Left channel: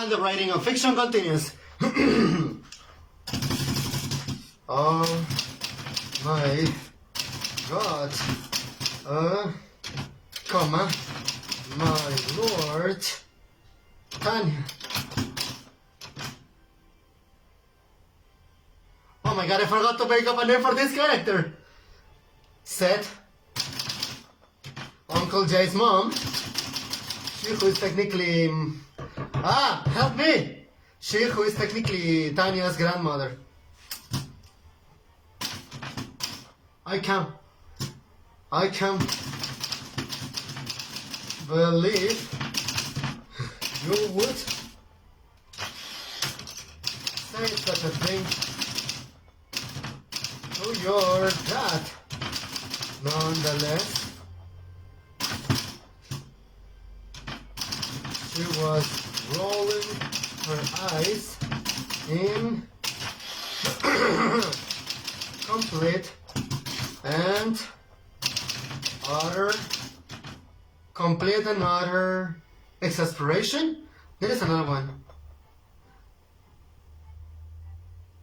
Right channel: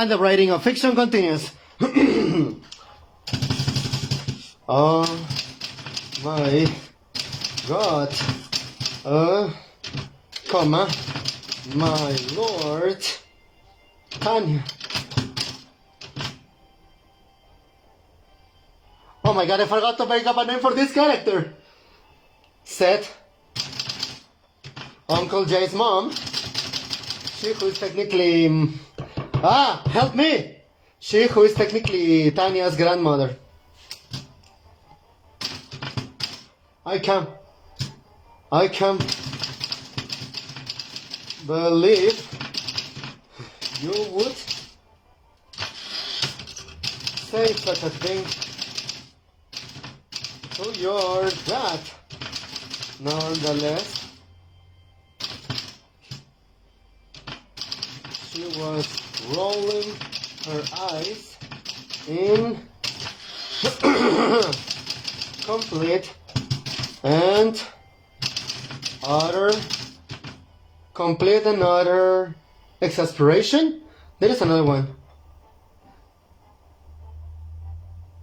And the writing of fiction continues. Oh my God. Comma, my lord. Tanya. Oh my God, I forgot to make up a name for this character. Said Uncle Jay's mom. She who is technically... help me! She who is technically Tanya's grandmother. I can't believe you would say such a thing to your dad. Nonetheless, she was rolling her eyes in complete and utter exasperation. There is another one.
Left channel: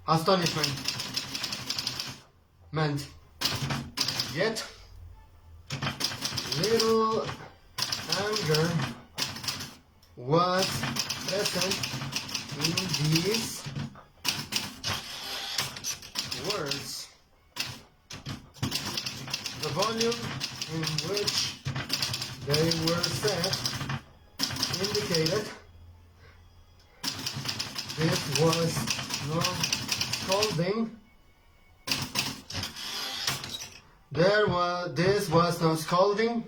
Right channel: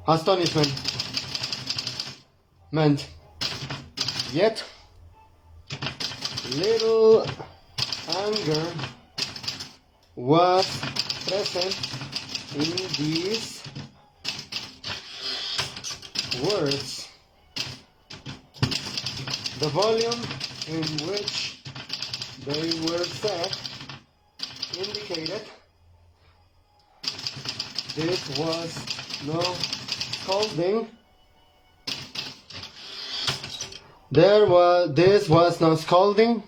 Astonishment. Meant. Yet, little anger was present in these words. The volume in which they were said indicated this was no scolding. This was no scolding.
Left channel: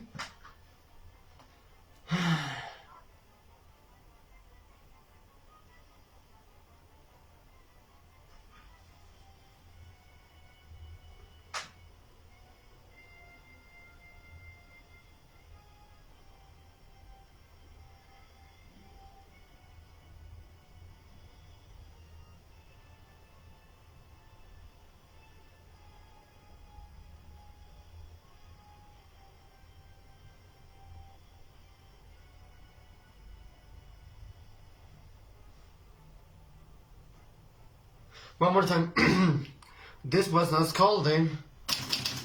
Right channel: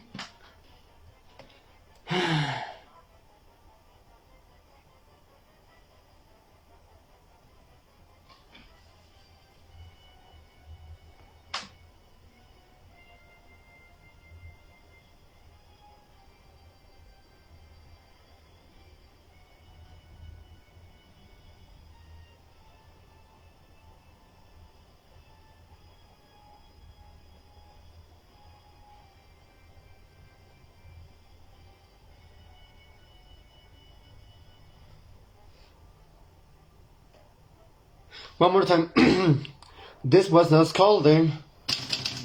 One more time. This was not scolding,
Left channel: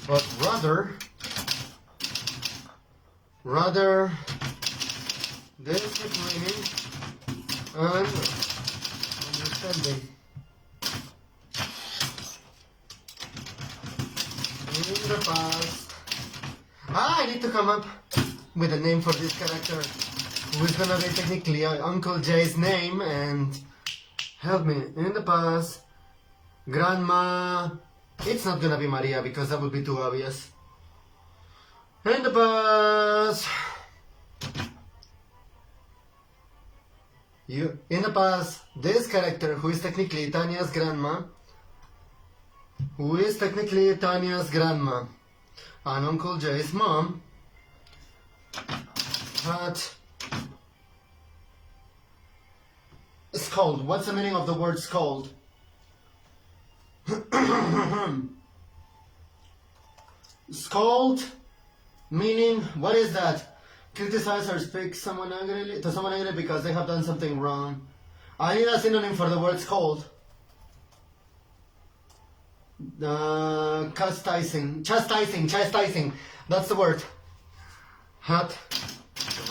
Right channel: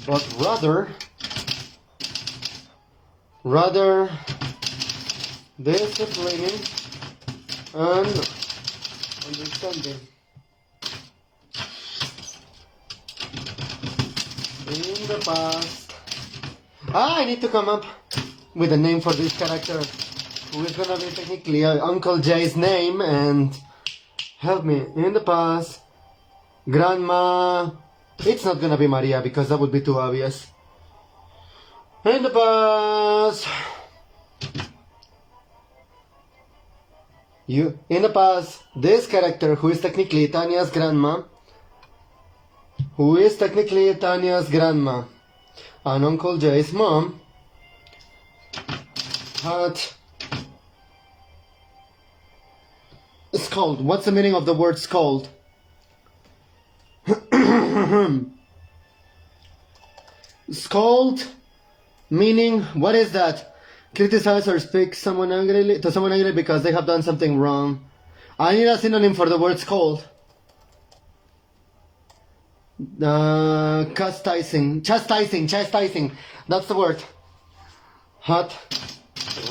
but rather disciplining and understanding. In the past, I need to come up with a name for this character, who is gonna be technically Uncle Jay's name, and help me. In the past, Grandma, it's not gonna be Maria because that would be too obvious. In the past, this character who is technically Tanya's grandma, and Uncle Jay's mom, had scold. What's the meaning of the word scold? Scold, meaning, what is that? Criticize or speak to someone angrily because they have done something wrong. I need a synonym for the word scold. Chastising. That's the word. Had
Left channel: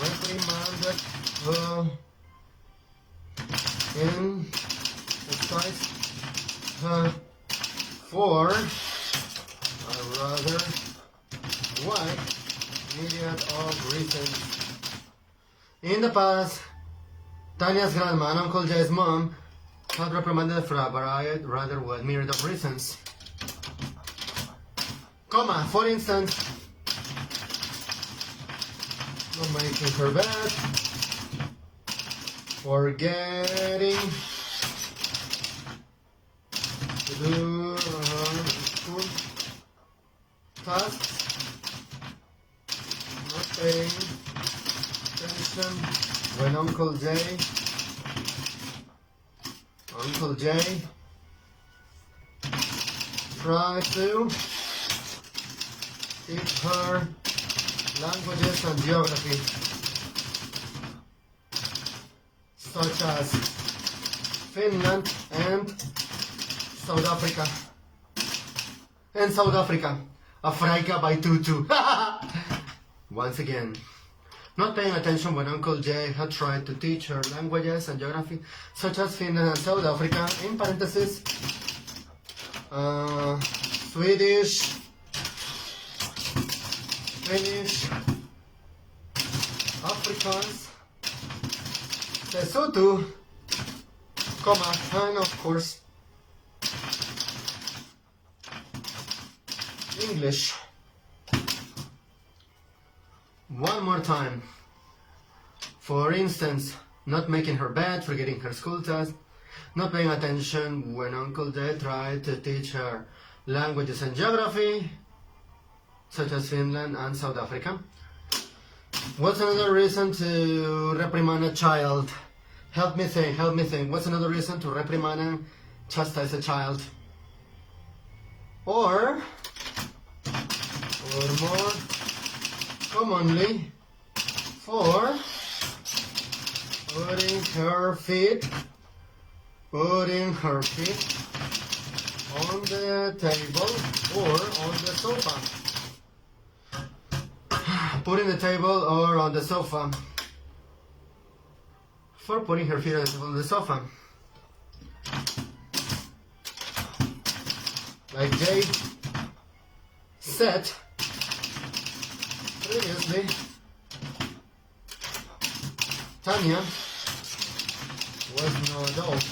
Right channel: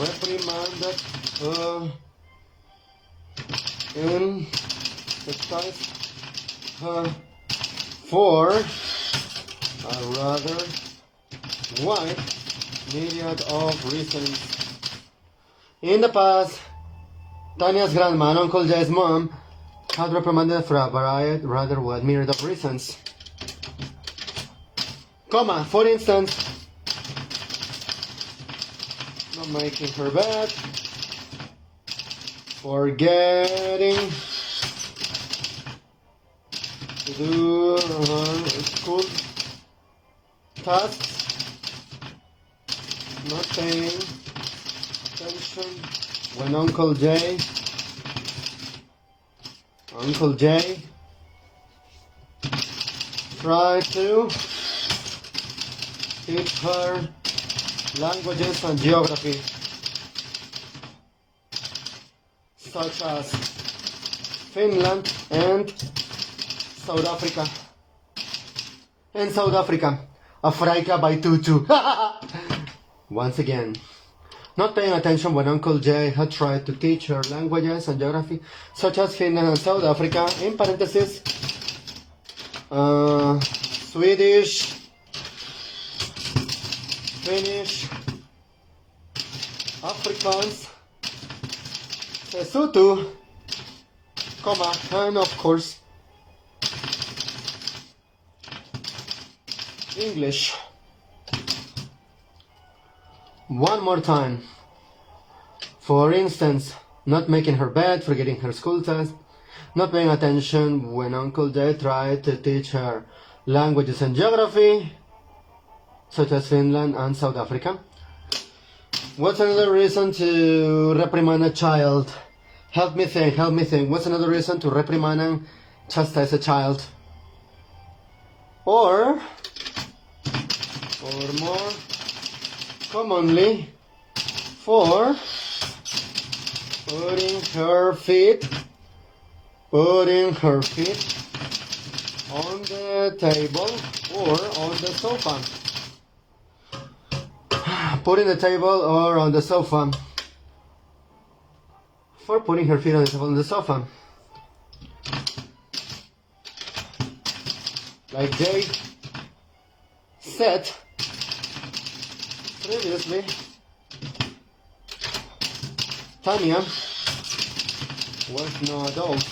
reprimanded in her for a rather wide myriad of reasons. In the past, Tanya's grandma and Uncle Jay's mom had reprimanded for a rather wide myriad of reasons. Comma, for instance, making her bed, forgetting to do school tasks, not paying attention when Uncle Jay tried to teach her languages and geography. such as Finland and South Africa. And South Africa, Africa by Tutu. Once again, not paying attention when Uncle Jay had tried to teach her languages and geography, such as Finland and South Africa, in parentheses, Swedish, Finnish, Afrikaans, Sesotho, comma, and of course, English. One more time. For instance, not making her bed, forgetting her school test, not paying attention when Uncle Jay tried to teach her languages and geography, such as Finland and South Africa. What's another reason to reprimand a child? Help me think. What's another reason to reprimand and chastise a child? Or more commonly, for putting her feet on the table or on the sofa. Putting the table or on the sofa. For putting her feet on the sofa. Like Jay said previously, Tanya was no adult.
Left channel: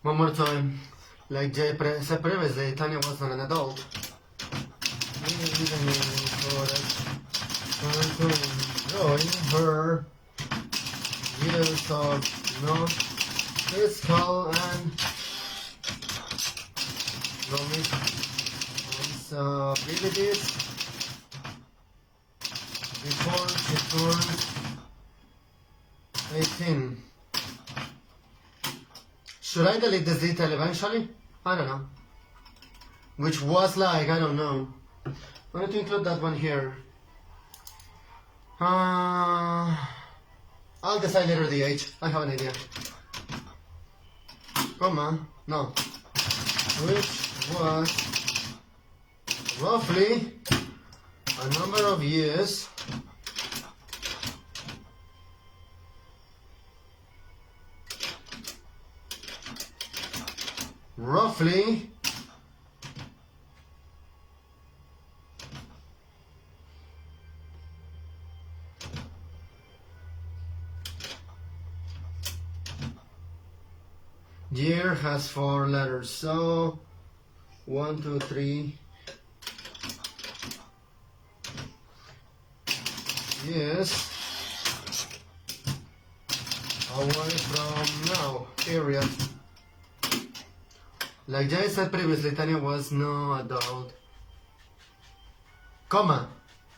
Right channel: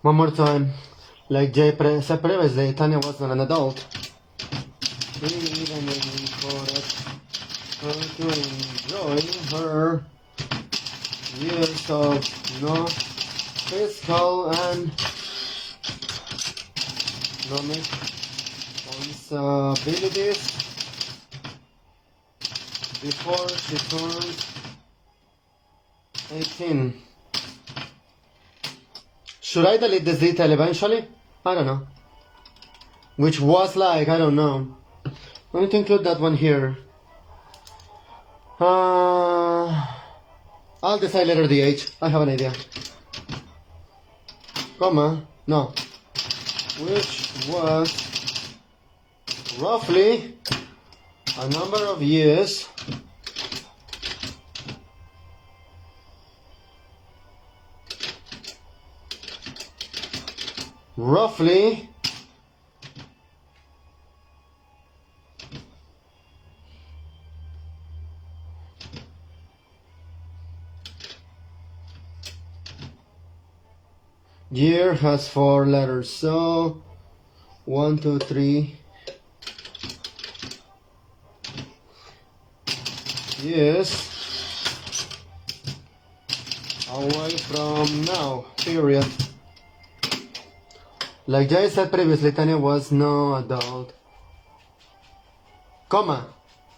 One more time. Like Jay said previously, Tanya was not an adult. Even for enjoy her years of physical and responsibilities before she turned 18. Should I delete this detail eventually? I don't know. Which was like, I don't know. I need to include that one here. I'll decide later the age. I have an idea. Comma, no. Which was roughly a number of years year has 4 letters, so 1, 2, 3 years away from now, period. Like Jay said previously, Tanya was no adult. Comma.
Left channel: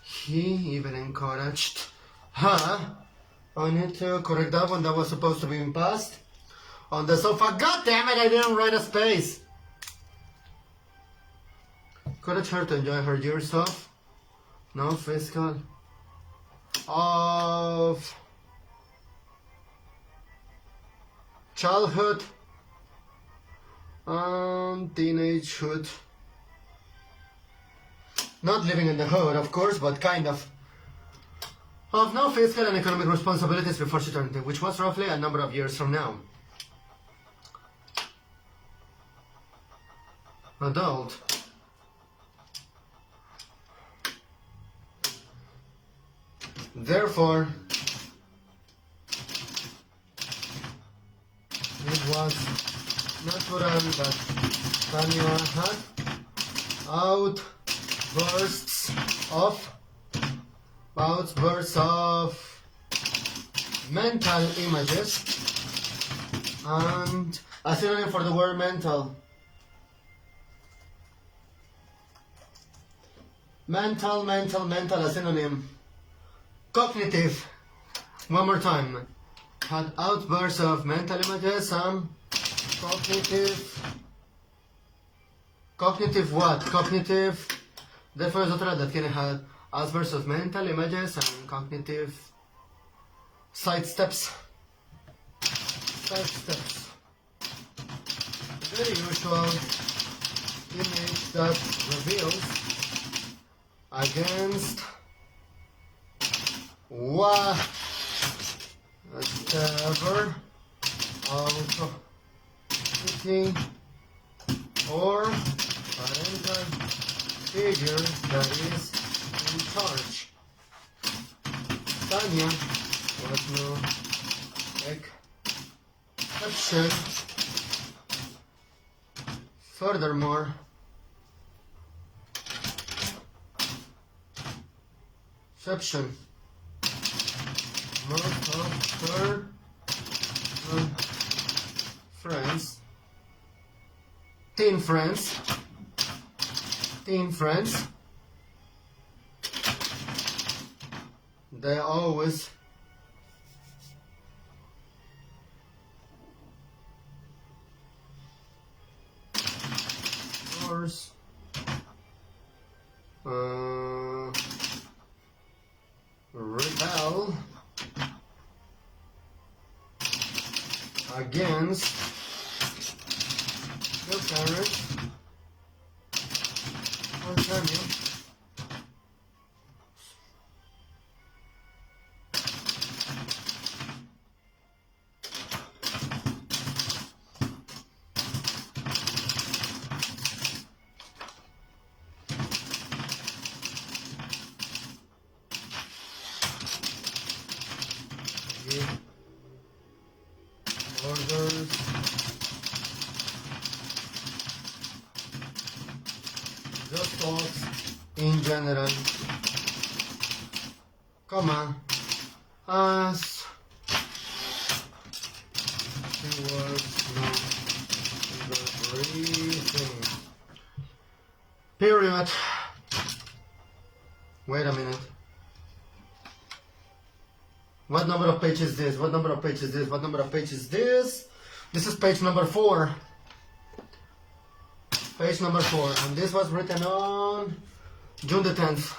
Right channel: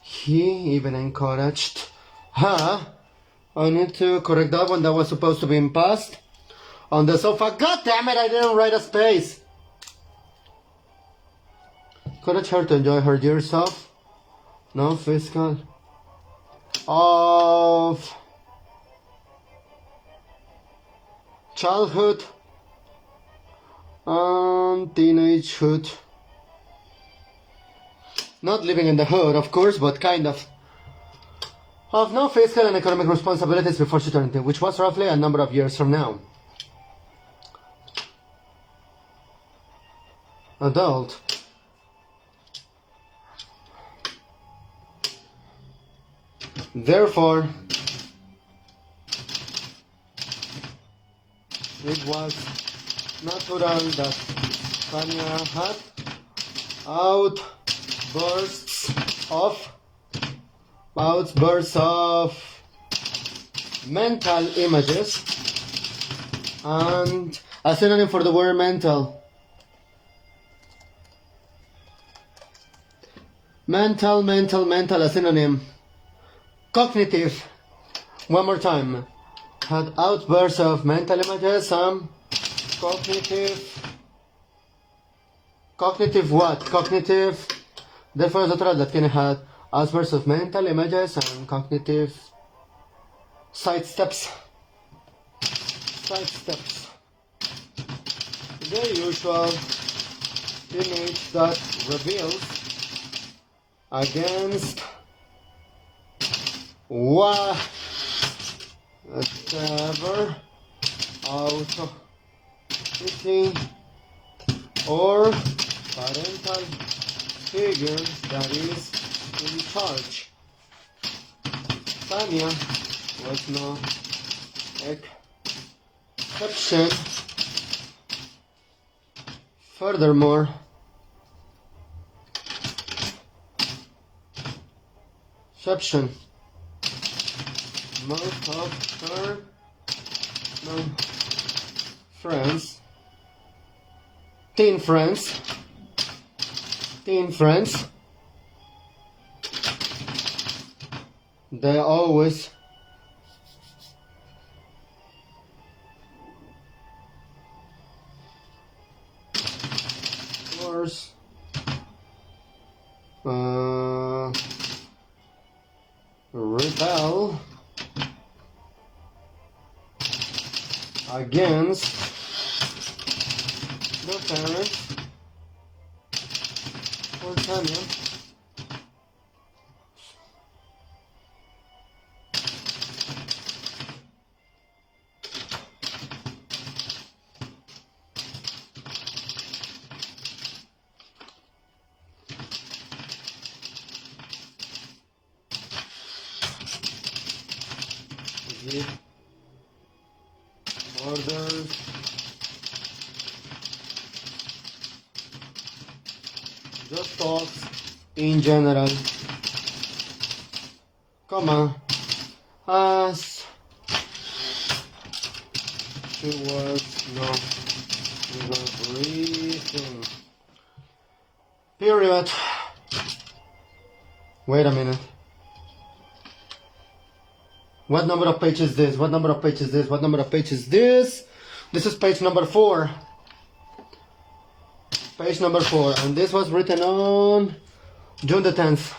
He even encouraged her. I need to correct that one. That was supposed to be in past. On the sofa. God damn it, I didn't write a space. Encourage her to enjoy her years of physical of childhood and teenagehood. Not living in the hood, of course, but kind of. of no fiscal and economic responsibilities before she turned 18, which was roughly a number of years from now. Adult. Therefore, it was natural that Tanya had outbursts of mental images, and a synonym for the word mental. Mental, a synonym. Cognitive. One more time. Had outbursts of mental images, cognitive what? Cognitive. Therefore, it's natural that Kenny had outbursts of mental images and cognitive sidesteps. The usual image that reveals against whatever authority or parental figure that is in charge. Tanya was no exception. Furthermore, most of her friends, teen friends, they always rebel against the parents or Tanya. Orders the thoughts in general, as towards the breathing. Period. Wait a minute. What number of pages is this? What number of pages is this? What number of pages is this? This is page number 4. Page number 4. And this was written on June the 10th.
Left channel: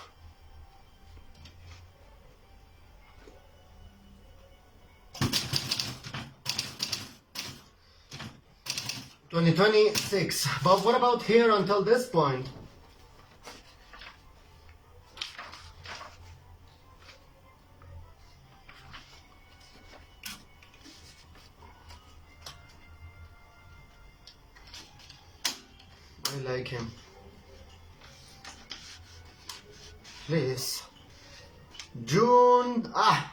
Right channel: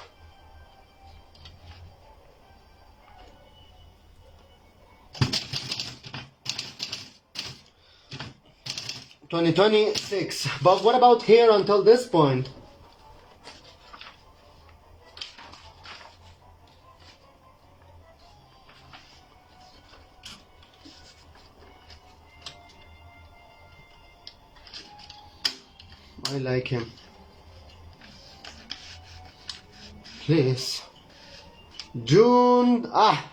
(2026). But what about here until this point? I like him. Please. June 9.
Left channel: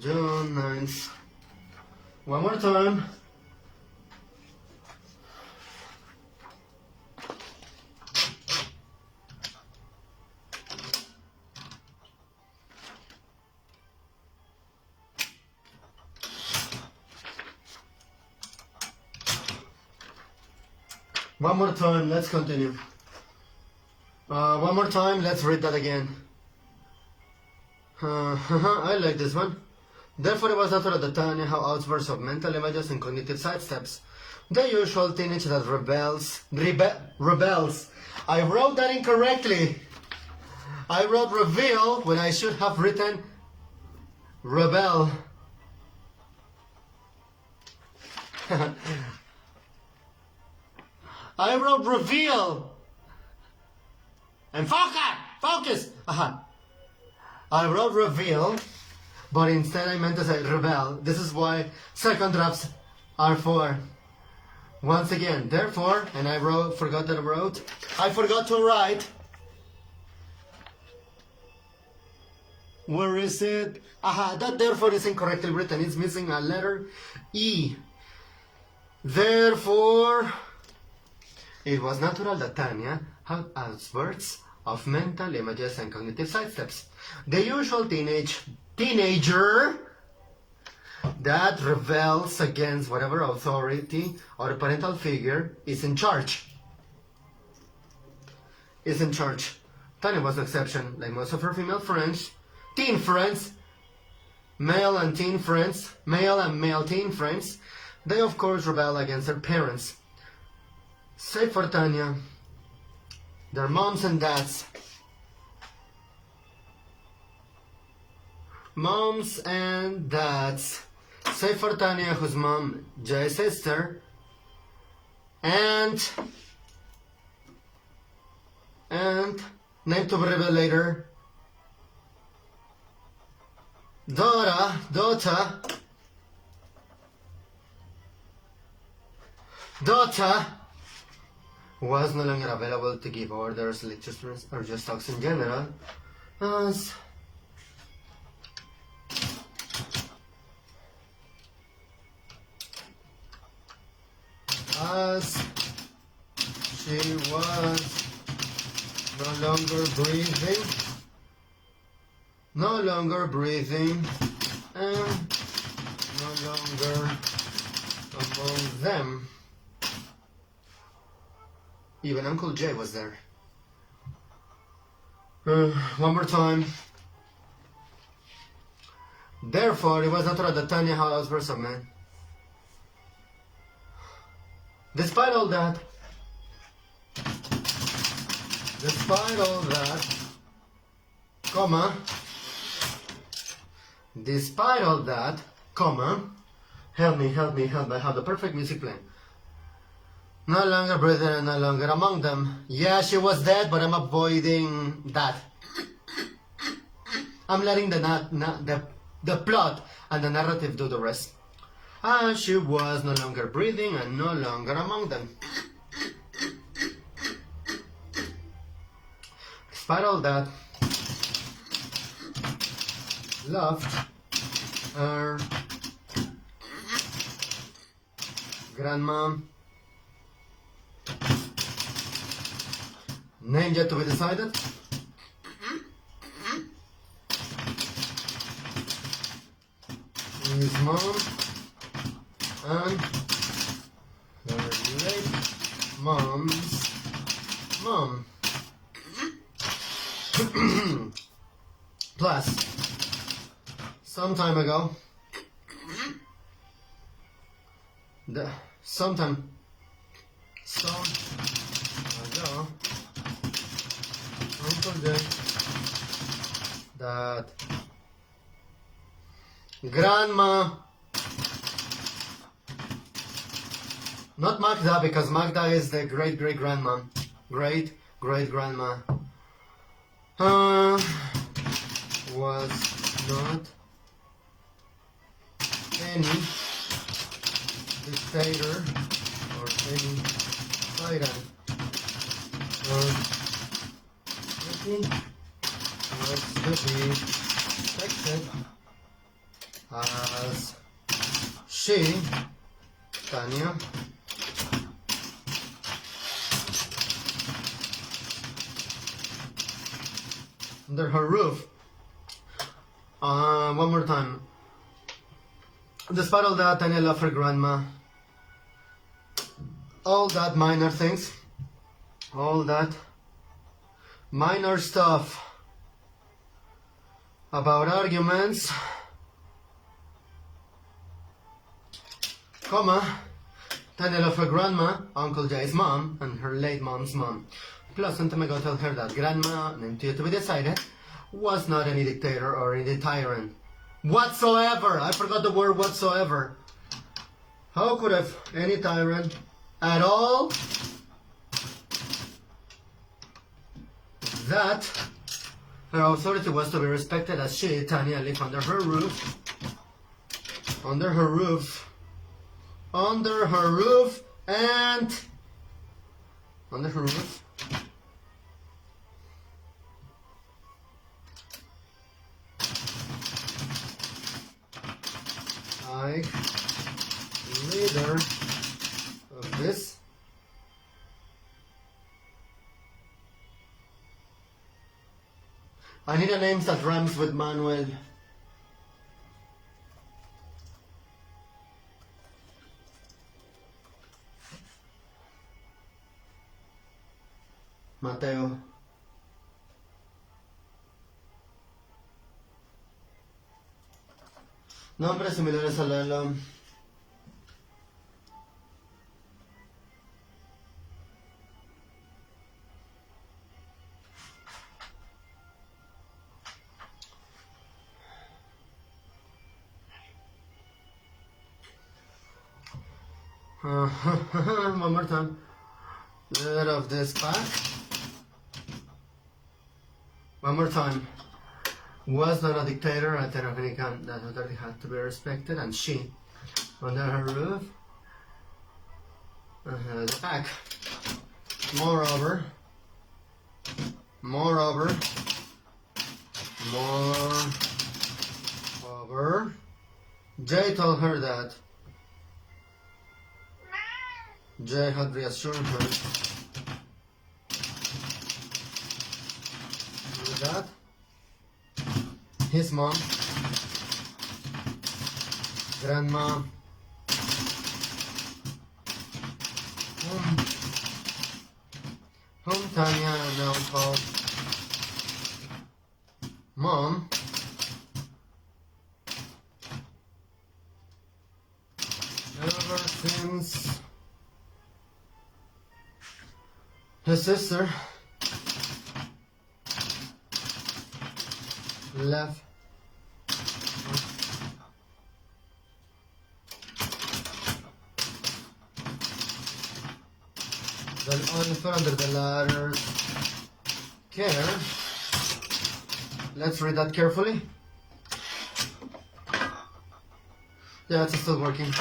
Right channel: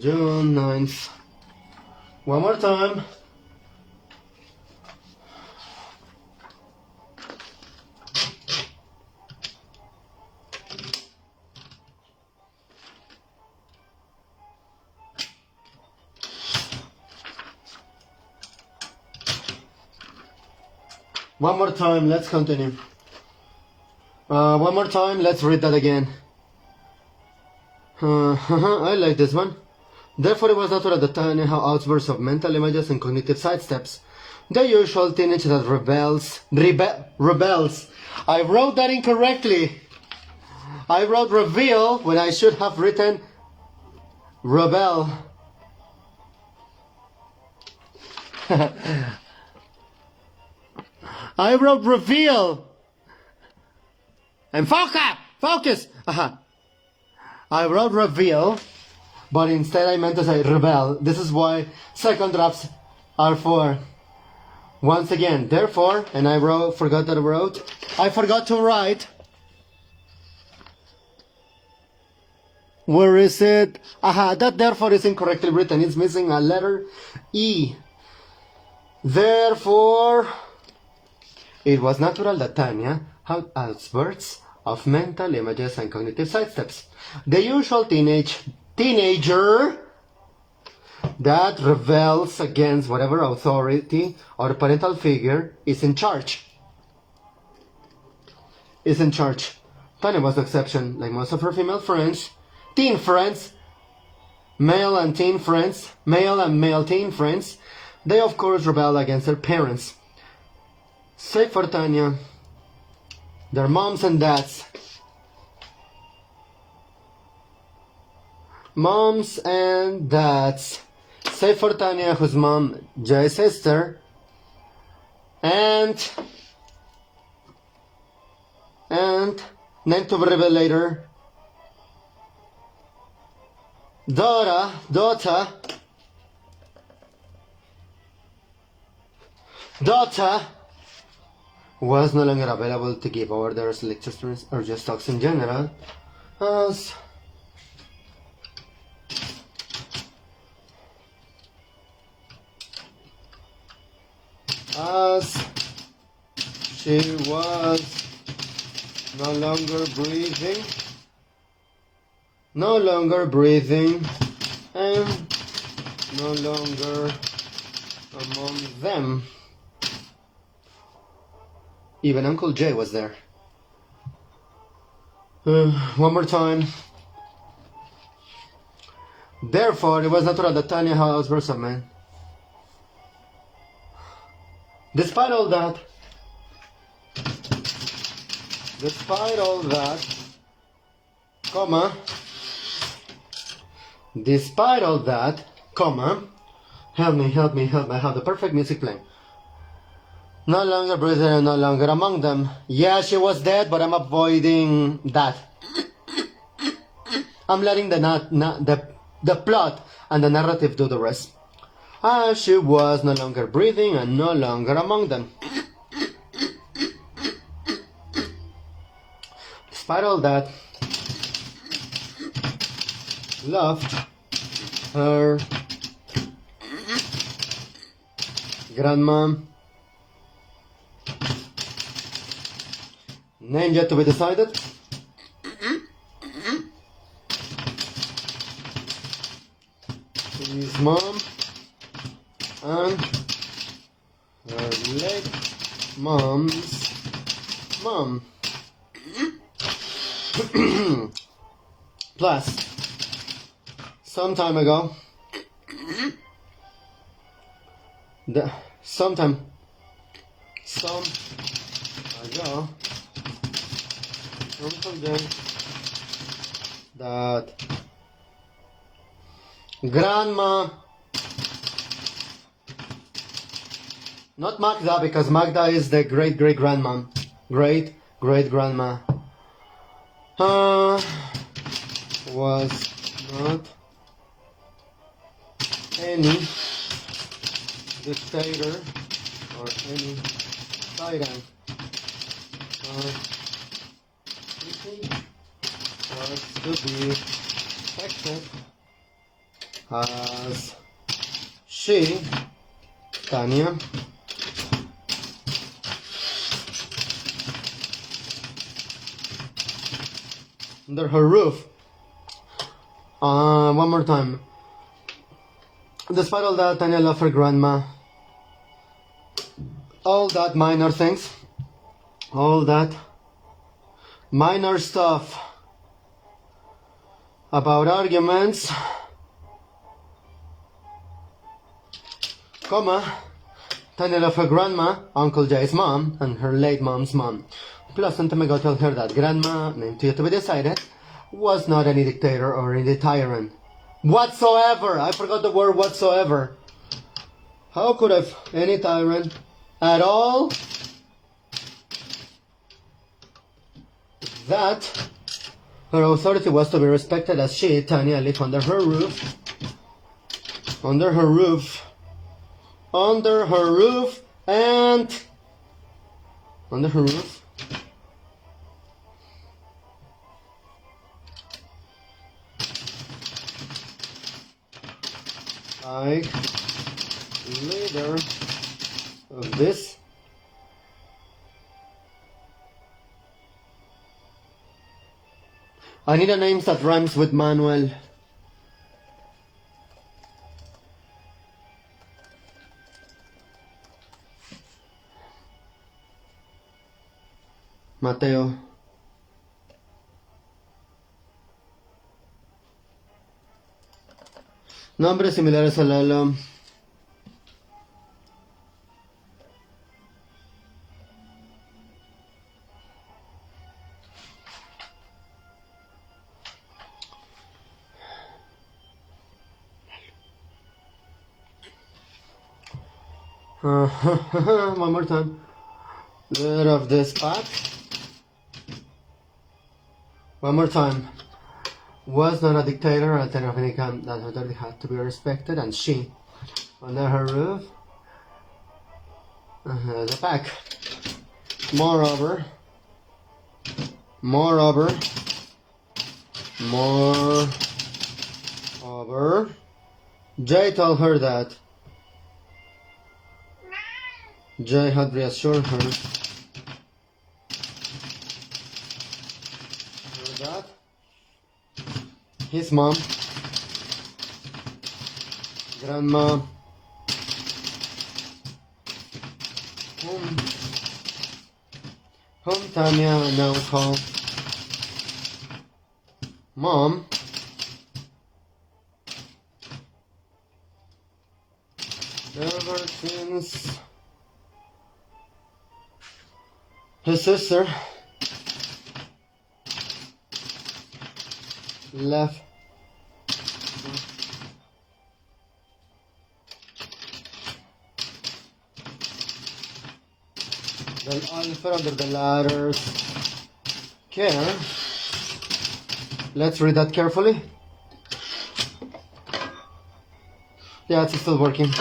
June 9th. One more time. One more time, let's continue. One more time, let's read that again. I like this one. Therefore, it was natural at the time how outbursts of mental images and cognitive sidesteps. The usual teenage that rebels. I wrote that incorrectly. I wrote reveal when I should have written rebel. I wrote reveal. And focus! Aha. I wrote reveal, but instead I meant to say rebel. This is why second drafts are for. Once again, therefore, and I forgot to write. Where is it? Aha, that therefore is incorrectly written. It's missing a letter E. Therefore, it was natural that Tanya had outbursts of mental images and cognitive sidesteps. The usual teenager that rebels against whatever authority or parental figure is in charge. Tanya was the exception, like most of her female friends. Teen friends, male and male teen friends, they of course rebel against their parents. Save for Tanya, their moms and dads. Save for Tanya, whose mom, Jay's sister, and named to be revealed later, daughter was no longer available to give orders, lectures, or just talks in general, as she was no longer breathing, and no longer among them. Even Uncle Jay was there. One more time. Therefore, it was natural that Tanya had outbursts of men. Despite all that, help me, I have the perfect music playing. No longer breathing and no longer among them. Yeah, she was dead, but I'm avoiding that. I'm letting the plot and the narrative do the rest. She was no longer breathing and no longer among them. Despite all that, loved her grandma, name yet to be decided. His mom and her late mom's mom. Plus, some time ago, Uncle Jay, that grandma, not Magda, because Magda is the great-great-grandma, great-great-grandma, was not any dictator or any tyrant or anything was to be expected, as she, Tanya, under her roof. One more time. Despite all that, Tanya loved her grandma. All that minor things, all that minor stuff about arguments, Tanya loved her grandma, Uncle Jay's mom, and her late mom's mom. Plus, some time ago told her that grandma, named yet to be decided, was not any dictator or any tyrant whatsoever. I forgot the word whatsoever. How could have any tyrant at all that her authority was to be respected as she, Tanya, lived under her roof, and like leader of this I need a name that rhymes with Manuel. Mateo. Nombres similares a Lalo. One more time. Rid of this pack. One more time. Was not a dictator at an of income that authority had to be respected, and she, under her roof, the pack. Moreover, Jay told her that Jay had reassured her that his mom, grandma, whom Tanya now called Mom, ever since his sister left then all under the latter's care. Let's read that carefully. Yeah, it's still working.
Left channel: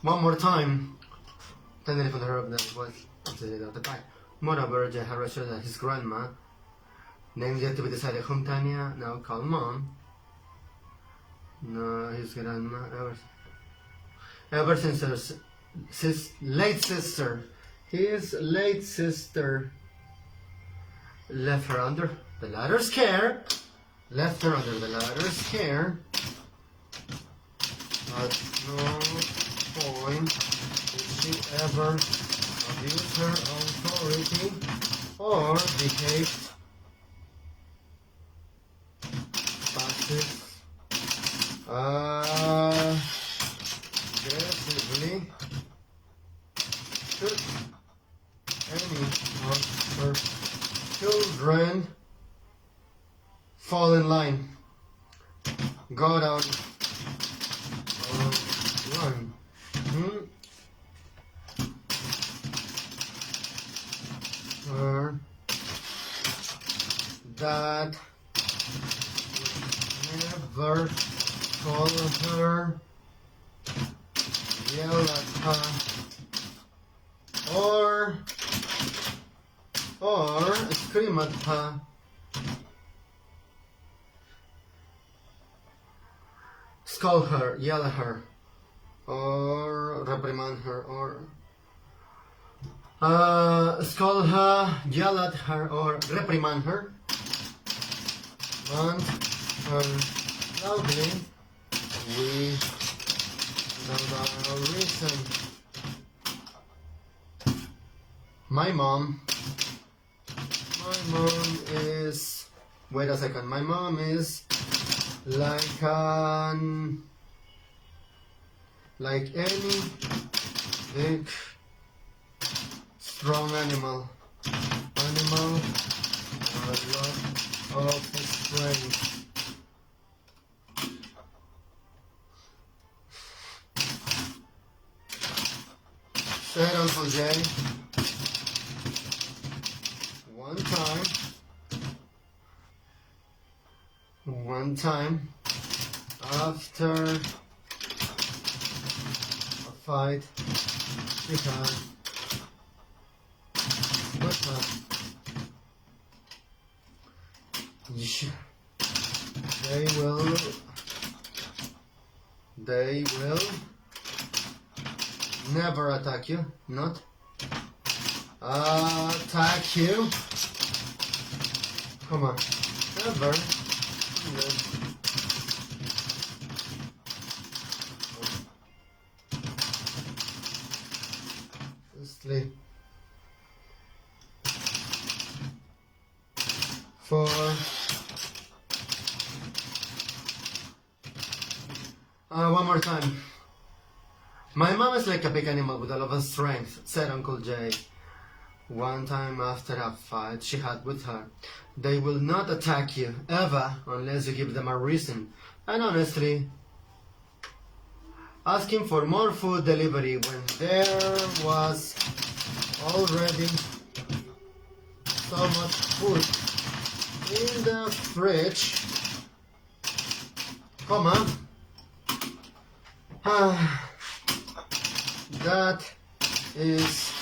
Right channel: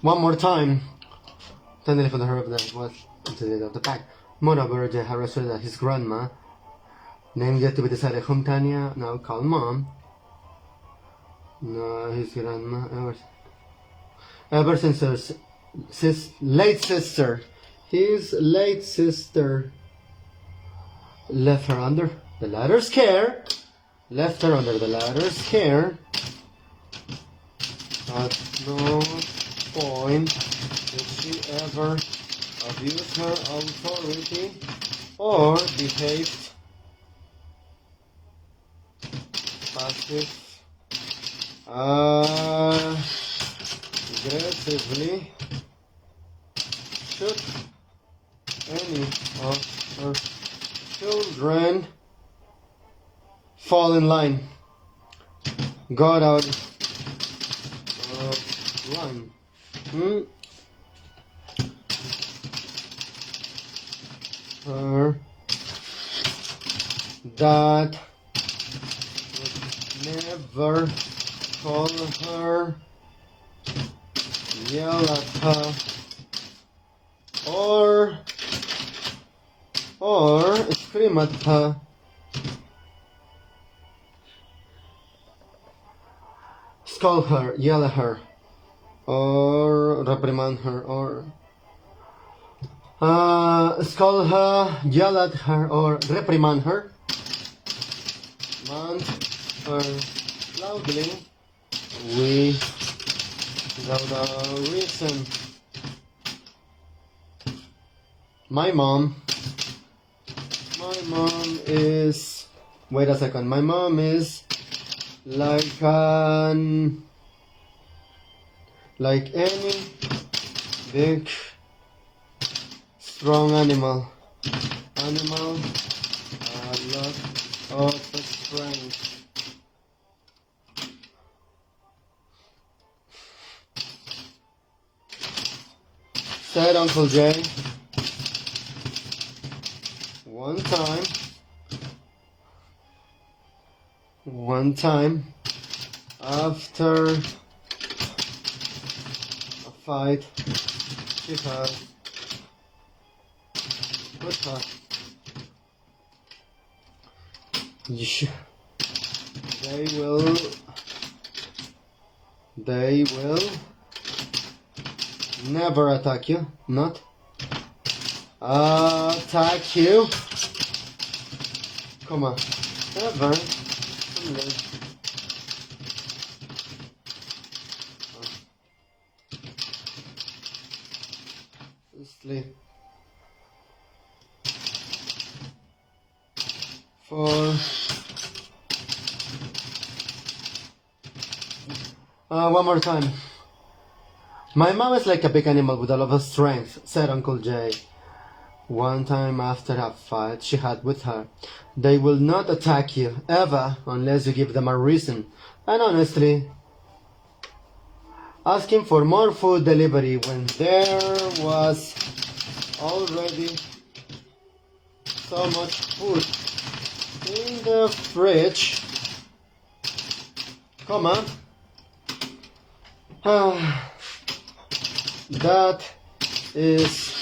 One more time. Then for the herb that was until the pack. Moreover, Jay had reassured that his grandma, named yet to be decided, whom Tanya now called Mom. No, his grandma ever since his late sister left her under the latter's care. At no point did she ever abuse her authority or behaved aggressively should any of her children fall in line. Got out of line. Her dad would never call her, yell at her, or scream at her. Scold her, yell at her, or reprimand her, or scold her, yell at her, or reprimand her, and loudly without a reason. My mom is, wait a second, my mom is like any big strong animal a lot of strength. Said Uncle Jay one time. one time after a fight she had with her. They will never attack you, not attack you. Come on, never. Sleep. 4. One more time. My mom is like a big animal with a lot of strength, said Uncle Jay. One time after a fight she had with her. They will not attack you, ever, unless you give them a reason. And honestly, asking for more food delivery when there was already so much food in the fridge. Come on. That is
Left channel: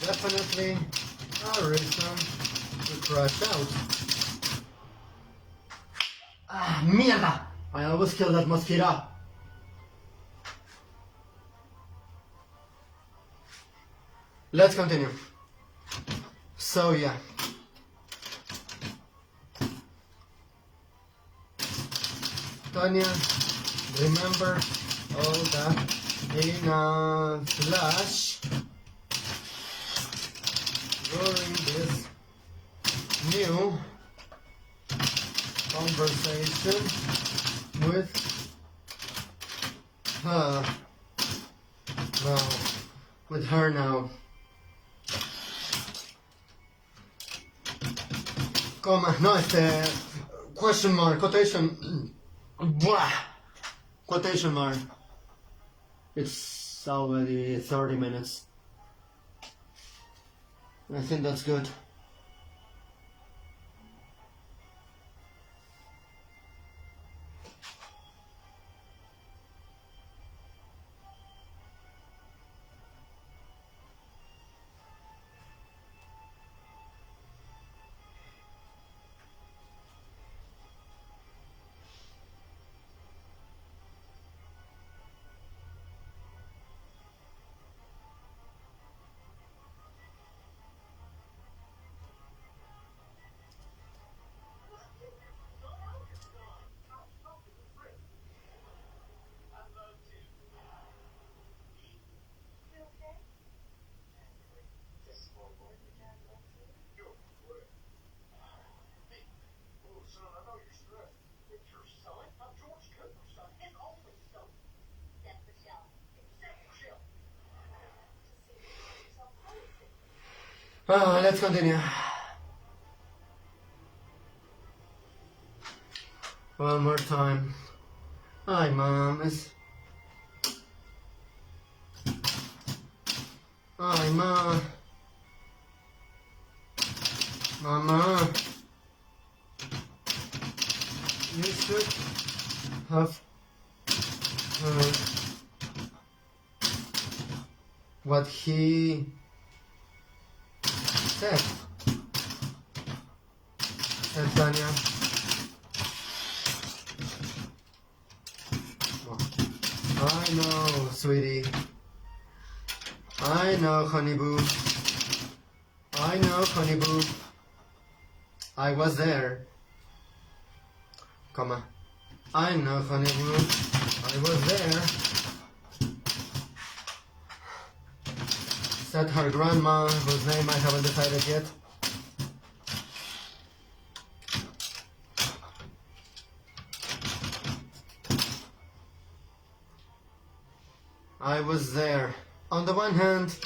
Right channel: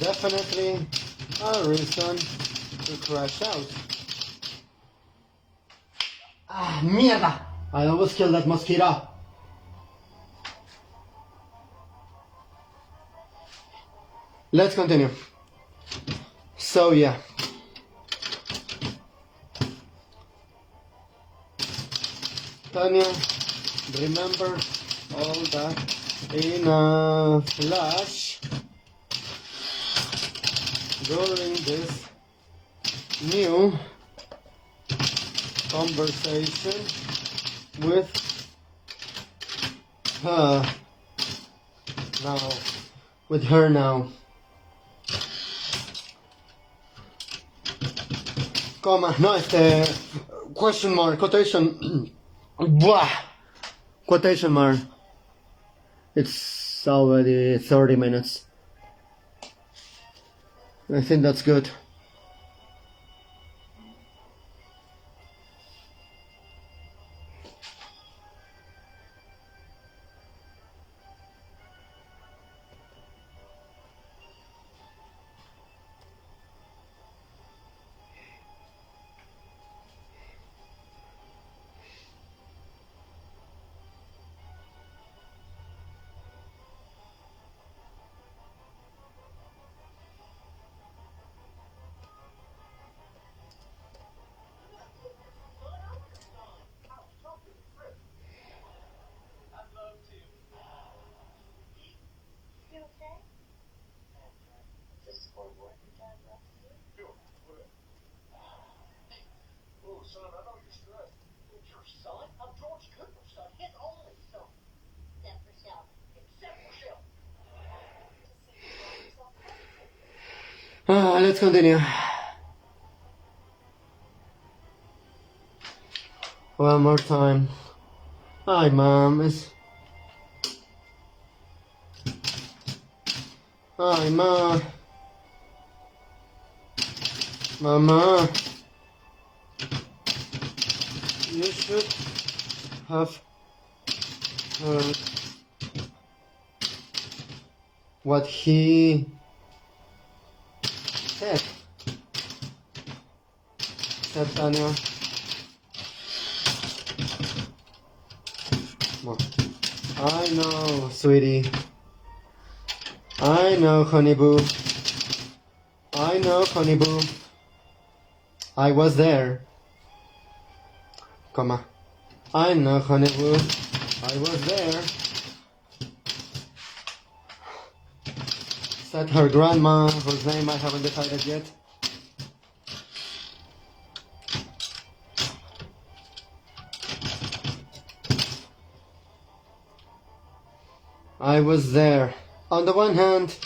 definitely a reason to crash out. Mierda! I always kill that mosquito. Let's continue. So yeah. Tanya remember all that in a flash during this new conversation with her now. Comma, no, question mark, quotation, blah, quotation mark. It's already 30 minutes. I think that's good. Let's continue. One more time. Hi, Mom. Hi, Ma. Mama. You should have heard what he said Tanya. I know, sweetie. I know, honey boo. I know, honey boo. I was there. Comma. I know, honey boo. I was there. Said her grandma, whose name I haven't decided yet. I was there. On the one hand,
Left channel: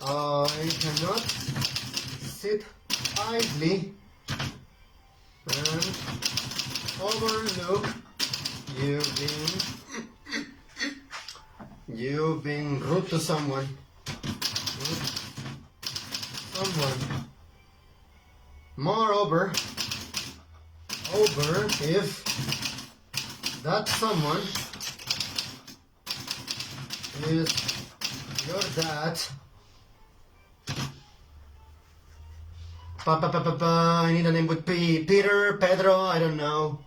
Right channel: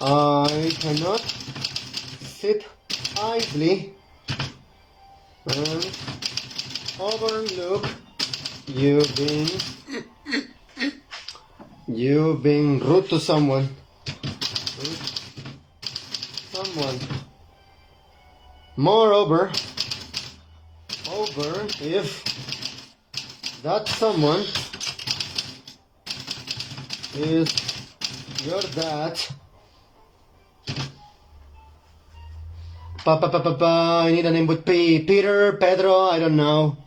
I cannot sit idly and overlook you being rude to someone. Moreover, if that someone is your dad. I need a name with P. Peter, Pedro, I don't know.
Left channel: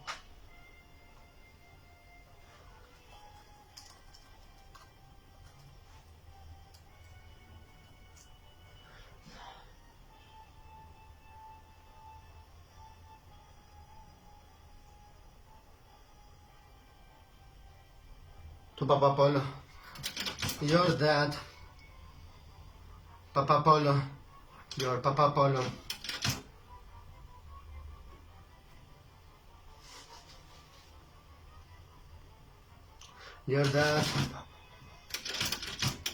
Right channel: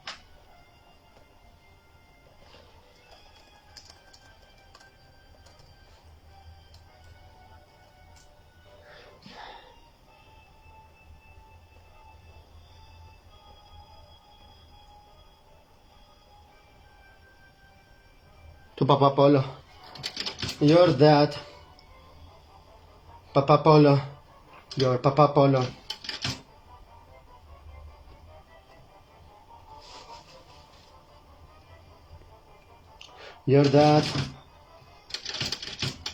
To Papa Polo. Your dad. Papa Polo. Your Papa Polo. Your dad.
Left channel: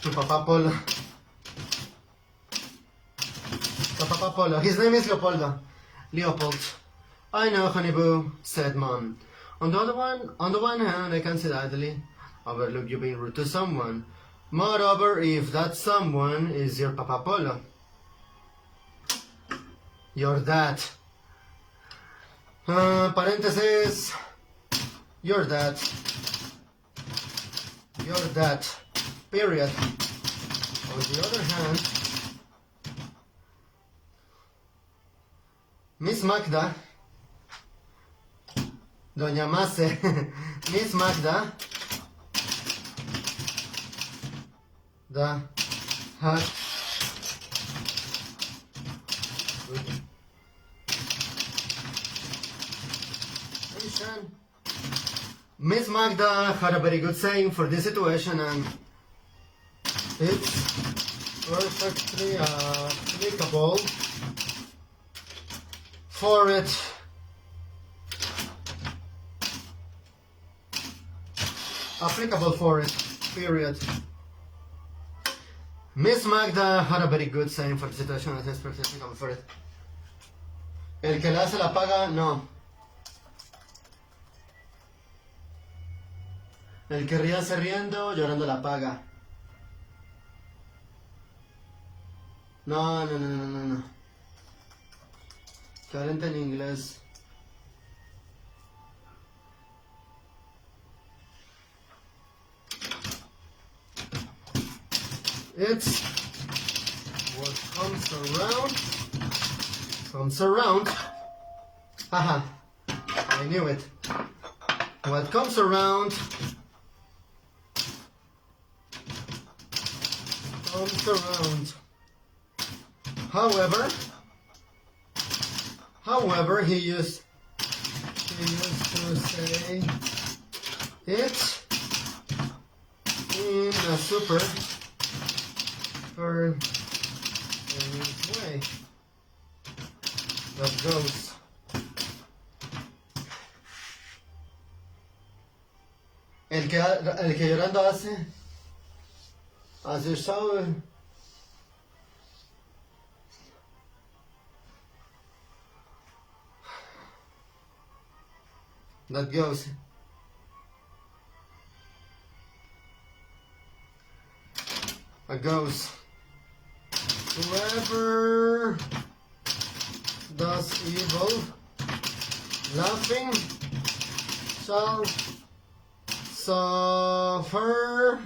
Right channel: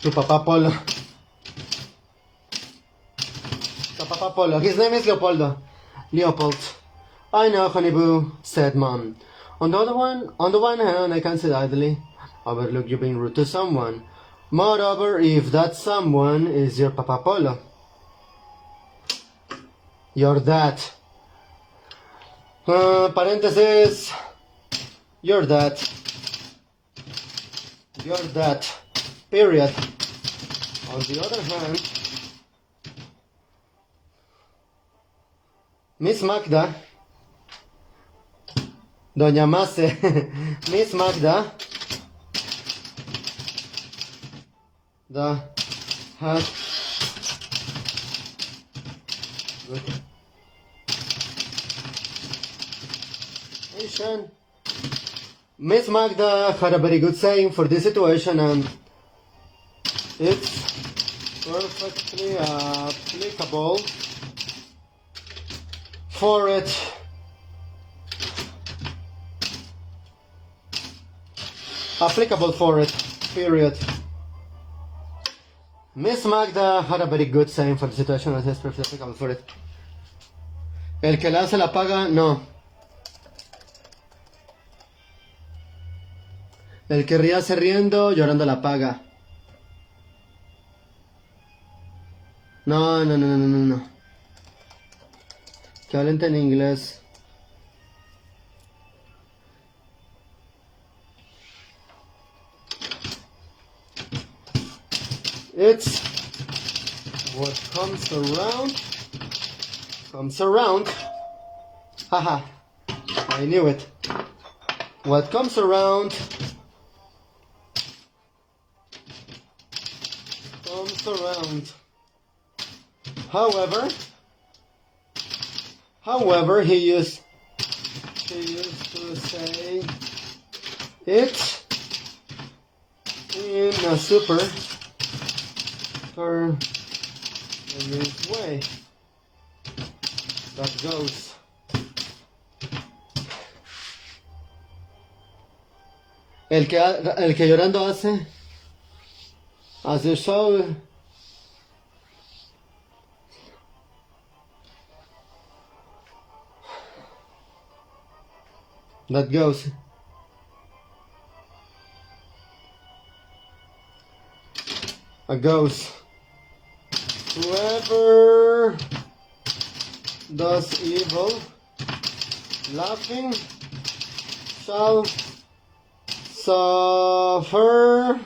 To Papa Polo. To Papa Polo. His name is Leopoldo. Leopold. I know, Honeyboo, said Mom. On the one hand, I can say idly overlook you being rude to someone. Moreover, if that someone is your Papa Polo. Your dad. Parenthesis. Your dad. Your dad. Period. On the other hand, Miss Magda, Doña Mase, Miss Magda, the had Miss Magda had a very good saying for this situation, and it's perfectly applicable for it. Applicable for it, period. Miss Magda had a very good saying for the situation, and it's perfectly applicable for it. El que la hace la paga, no. El que ríase riendo, llorando la paga. No. Que hablen en inglés. It's what comes around. Haha, I knew it. What comes around comes around. However, he used to say it in a super way. That goes. El que llorando hace, as you saw. That goes. It goes. Whoever does evil, laughing, shall suffer.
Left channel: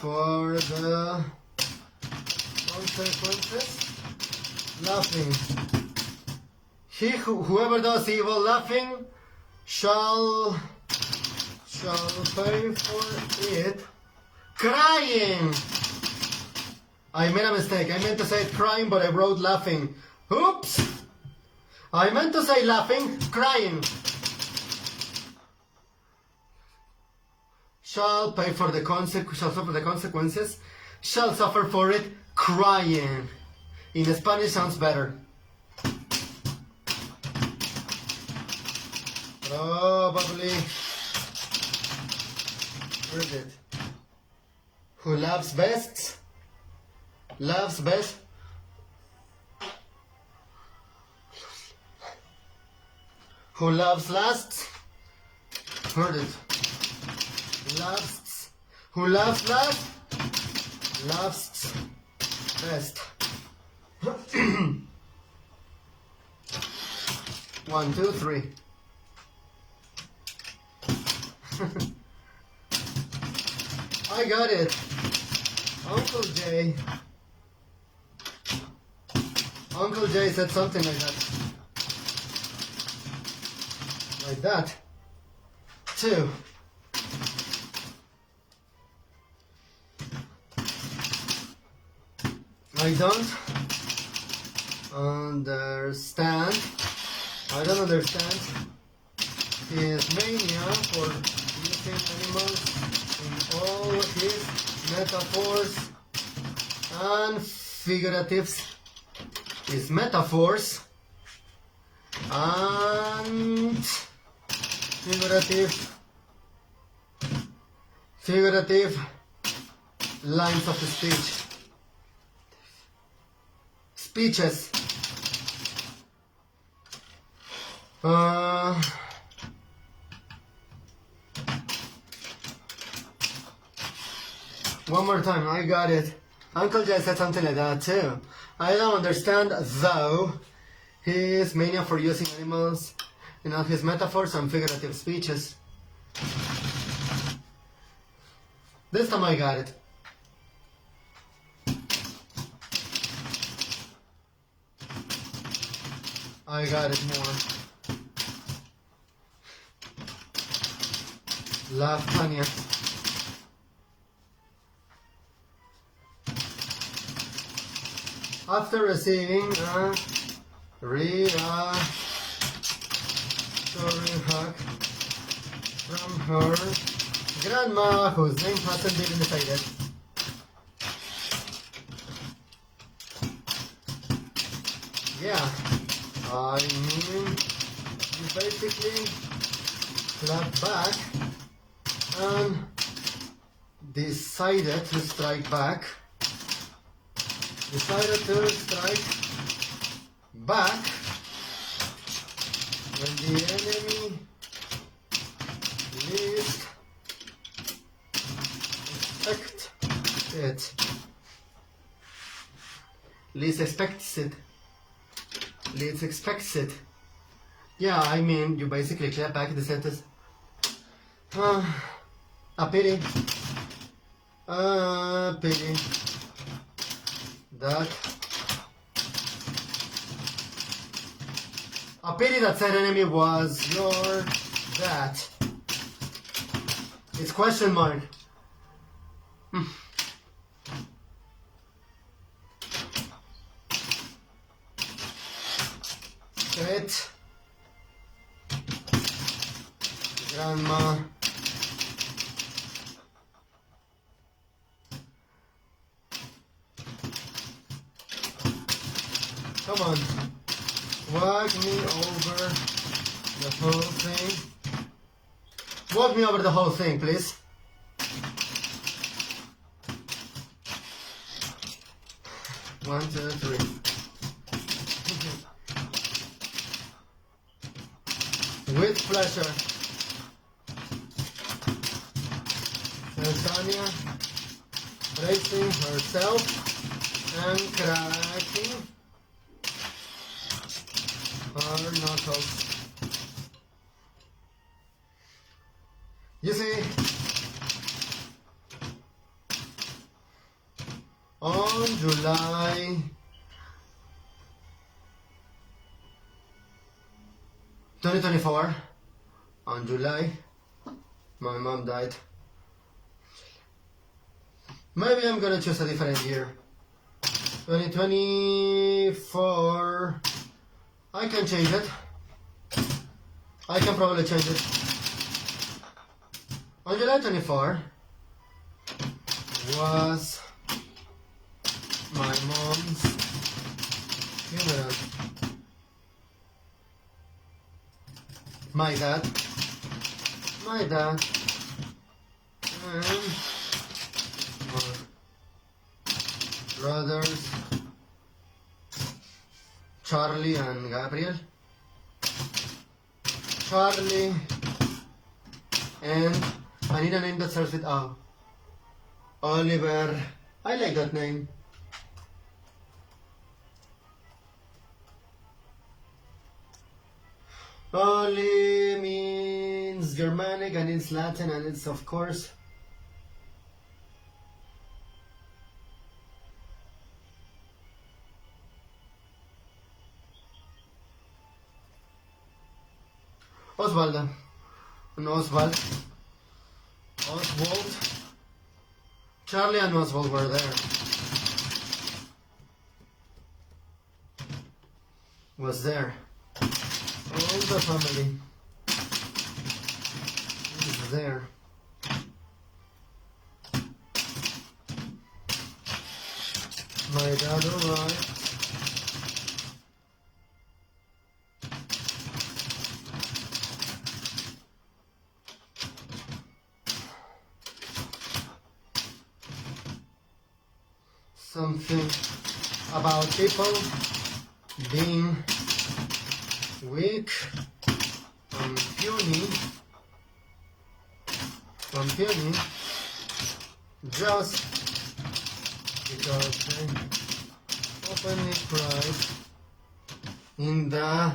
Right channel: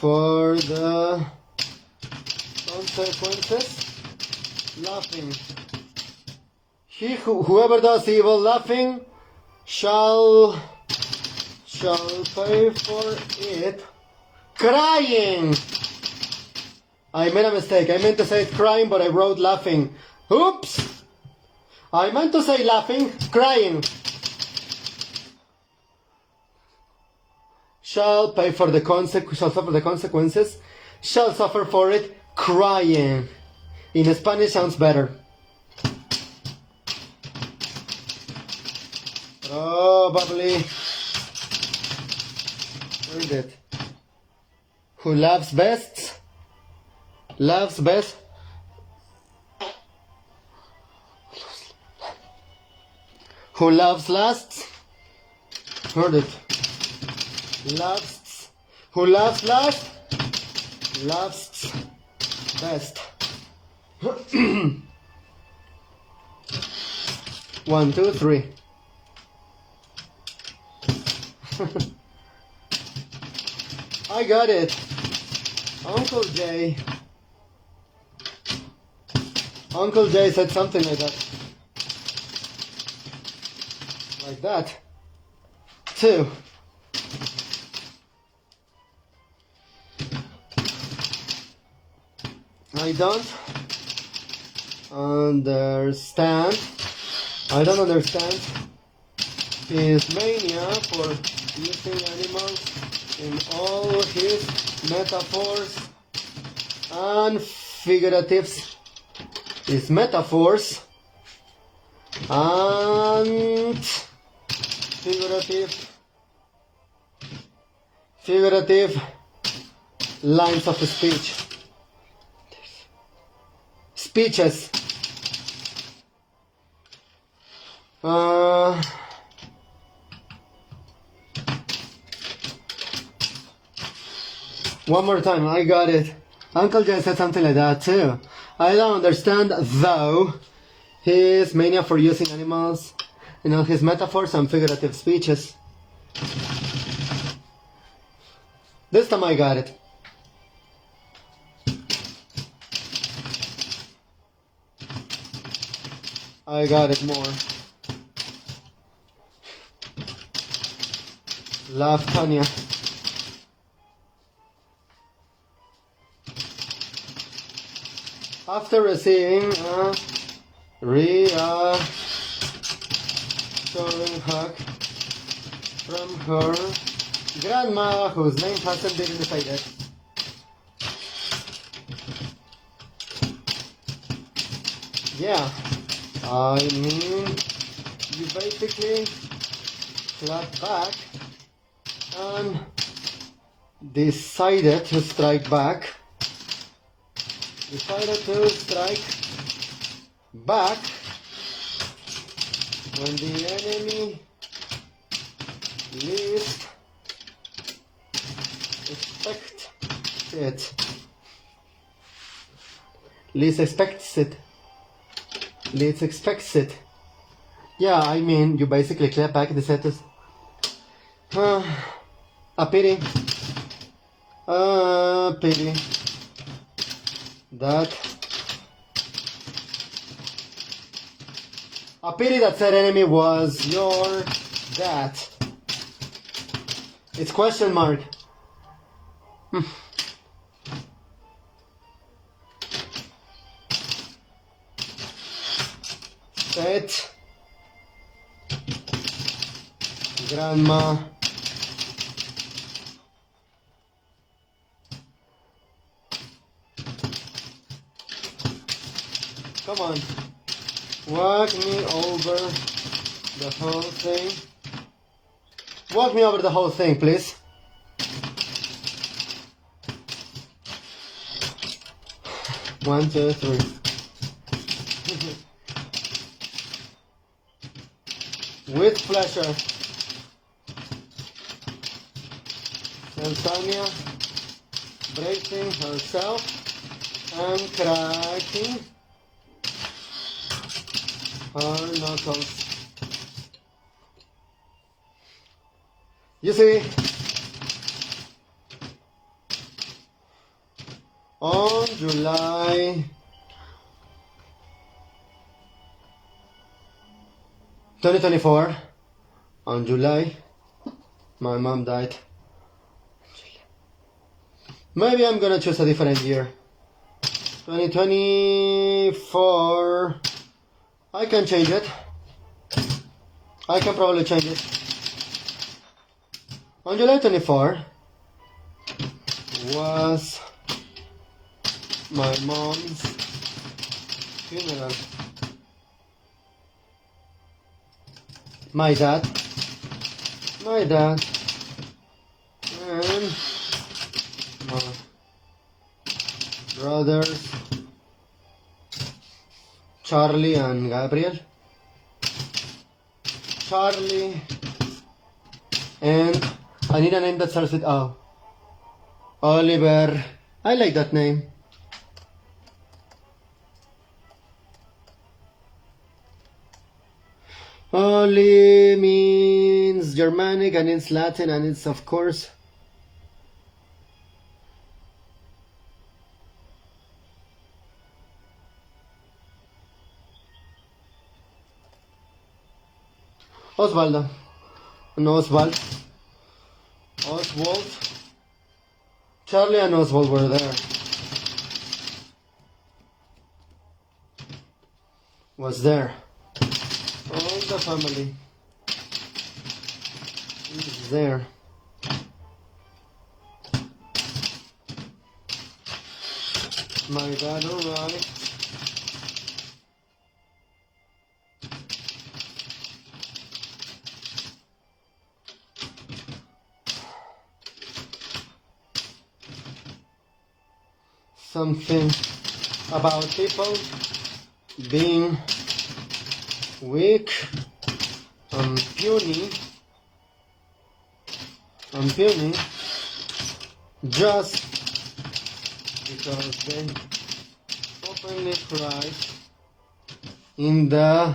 For the consequences, laughing. Whoever does evil laughing shall pay for it crying. I made a mistake. I meant to say it crying, but I wrote laughing. Oops! I meant to say laughing, crying. Shall pay for the shall suffer the consequences. Shall suffer for it crying. In Spanish sounds better. Probably heard it. Who loves best Loves best. Who loves last? Heard it. Loves. Who loves last? Loves best. 1, 2, 3. I got it. Uncle Jay. Uncle Jay said something like that. Like that. 2. I don't understand. I don't understand his mania for using animals in all his metaphors and figuratives. His metaphors and figurative lines of speech. Speeches. One more time, I got it. Uncle Jay said something like that too. I don't understand, though, his mania for using animals, you know, his metaphors and figurative speeches. This time I got it. I got it more. Love Tanya. After receiving a reassuring hug from her grandma, whose name hasn't been decided, yeah, I mean, you basically clap back and decided to strike back. Decided to strike back when the enemy least expects it. Least expects it. Least expects it. Yeah, I mean, you basically clap back the sentence. A pity. A pity. That a pity that said enemy was your dad. It's question mark. Pet grandma. Come on, walk me over the whole thing. Walk me over the whole thing, please. One, two, three. With pleasure. So Tanya, bracing herself and cracking her knuckles. You see, on July 2024, on July, my mom died. Maybe I'm gonna choose a different year. 2024. I can change it. I can probably change it. On July 24 was my mom's funeral. My dad, and my brothers Charlie and Gabriel. Charlie and I need a name that starts with O. Oliver. I like that name. Oli means Germanic and it's Latin and it's of course Osvaldo. No, Oswald. Oswald. Charlie and Oswald were there. Was there. All the family is there. My dad arrived. Something about people being weak and puny just because they openly cried in the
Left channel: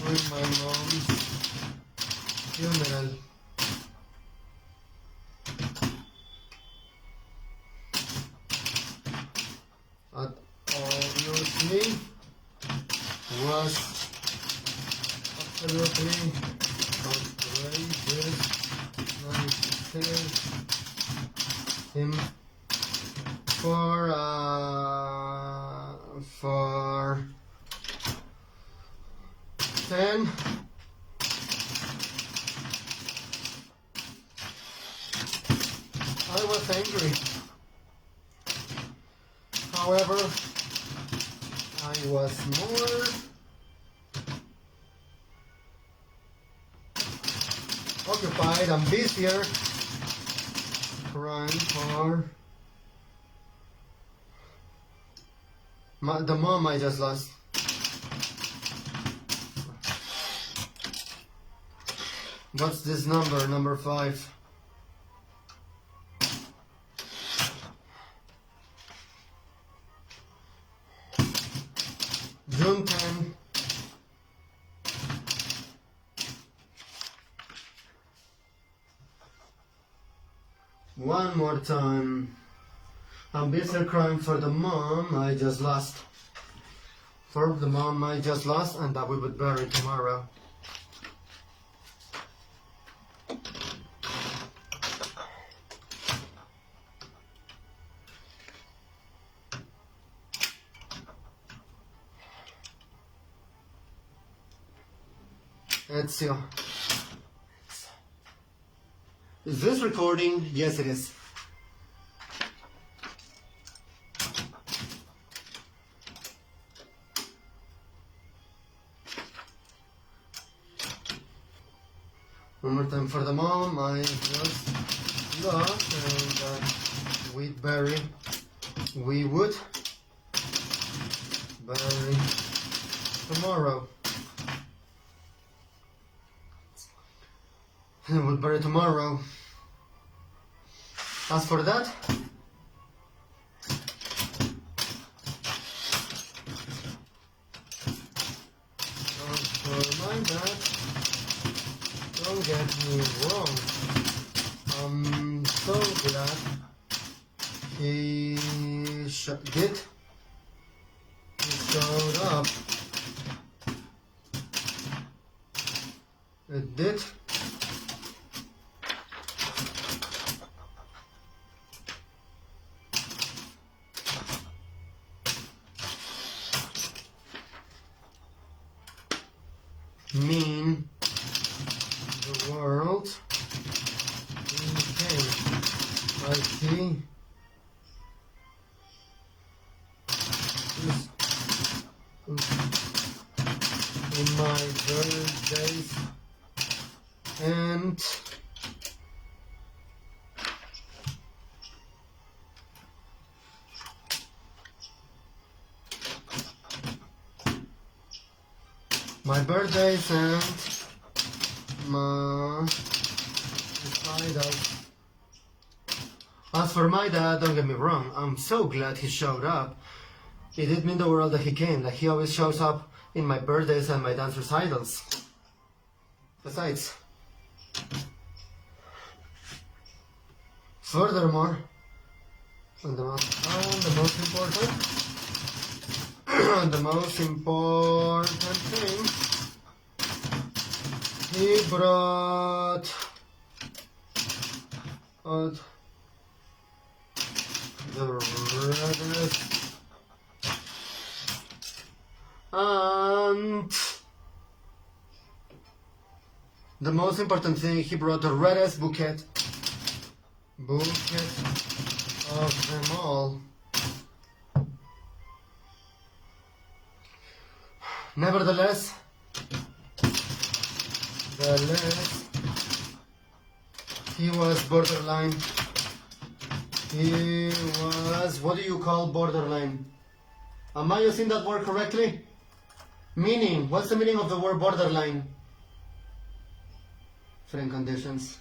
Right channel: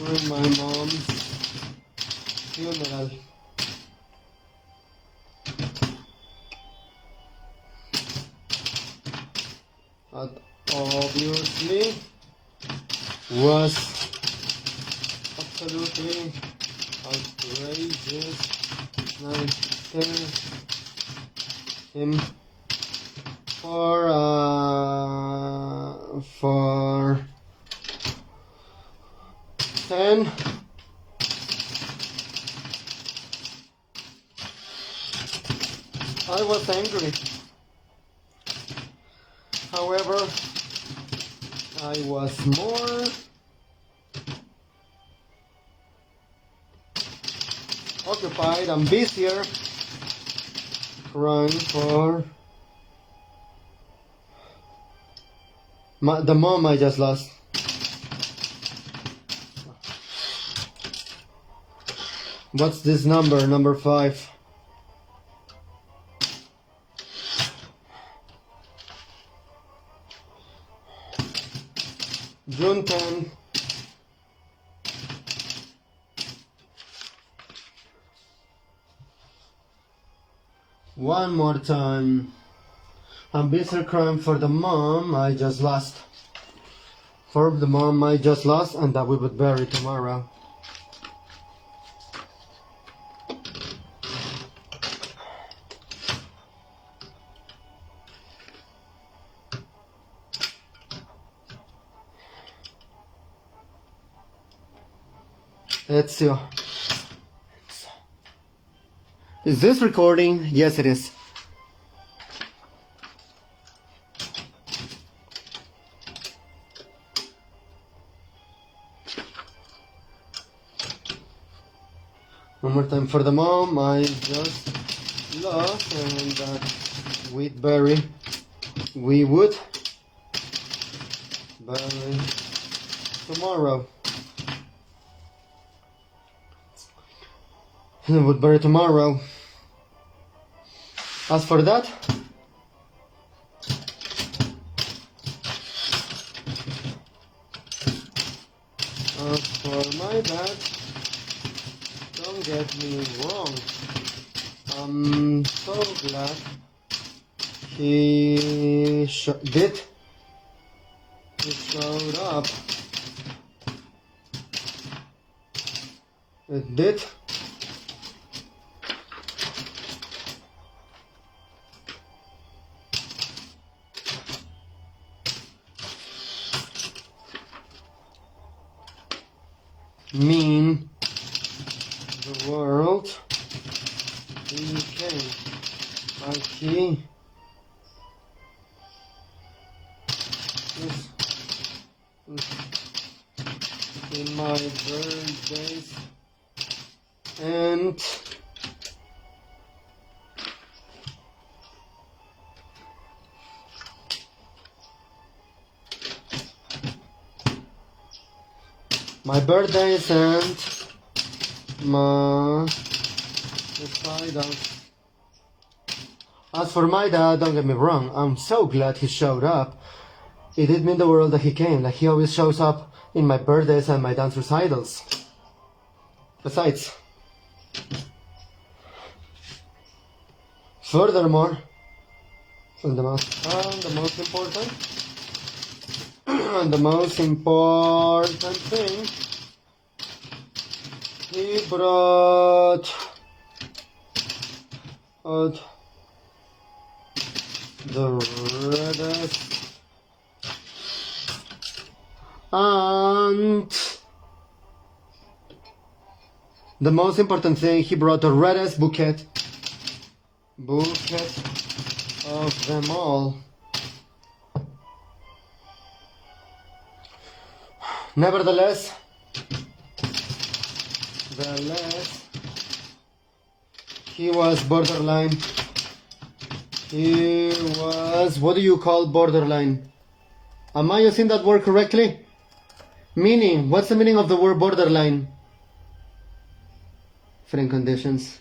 with my mom's funeral. But obviously was absolutely outrageous. I thank him for 10 I was angry. However, I was more occupied and busier crying for the mom I just lost. What's this number? Number 5. June 10. One more time. I'm busy crying for the mom I just lost. For the mom I just lost and that we would bury tomorrow. Ezio. Is this recording? Yes, it is. One more time for the mom I just lost and we would bury tomorrow. We would bury tomorrow. As for that, as for my dad, don't get me wrong. I'm so glad he showed up. It did. Mean the world became like he is in my early days and my birthdays and my recitals. As for my dad, don't get me wrong, I'm so glad he showed up. It did mean the world that he came, like he always shows up in my birthdays and my dance recitals. Besides, furthermore, and the most important, the most important thing, he brought out the reddest and the most important thing, he brought the reddest bouquet of them all. Nevertheless, he was borderline. He was, what do you call borderline? Am I using that word correctly? Meaning, what's the meaning of the word borderline? Different conditions.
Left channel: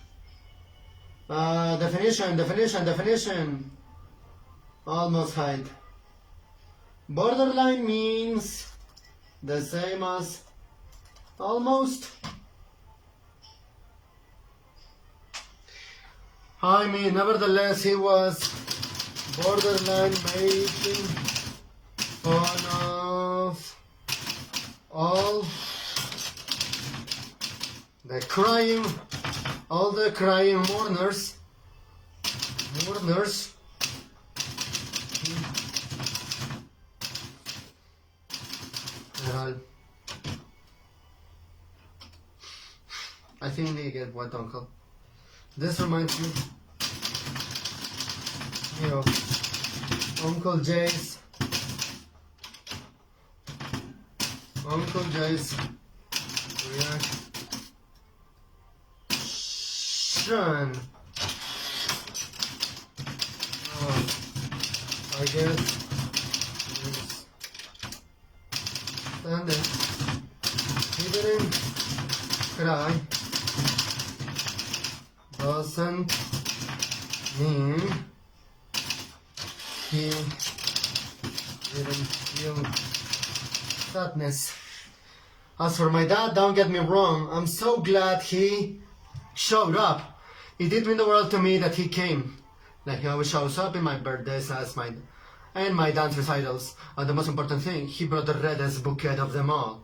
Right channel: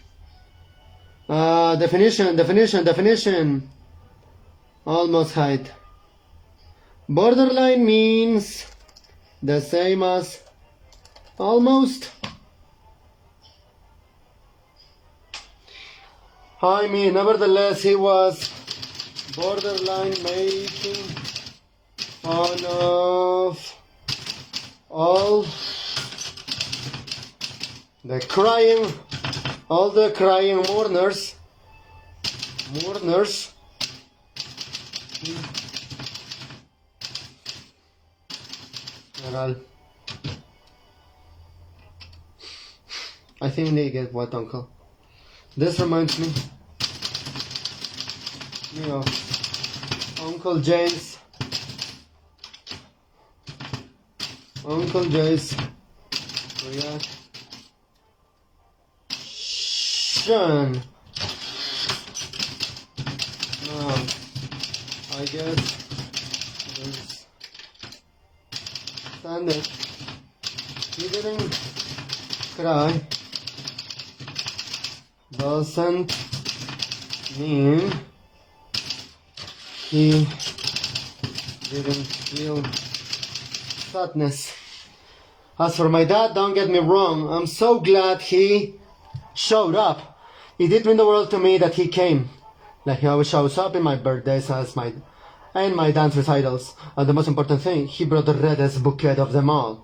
Definition. Almost height. Borderline means the same as almost. I mean, nevertheless, he was borderline making fun of all the crying mourners. I think they get what, Uncle? This reminds me of Uncle Jay's reaction. Now, I guess this Sunday he didn't cry. Doesn't mean he didn't feel sadness. As for my dad, don't get me wrong, I'm so glad he showed up. It did mean the world to me that he came. Like he always shows up in my birthdays and my dance recitals. And the most important thing, he brought the reddest bouquet of them all.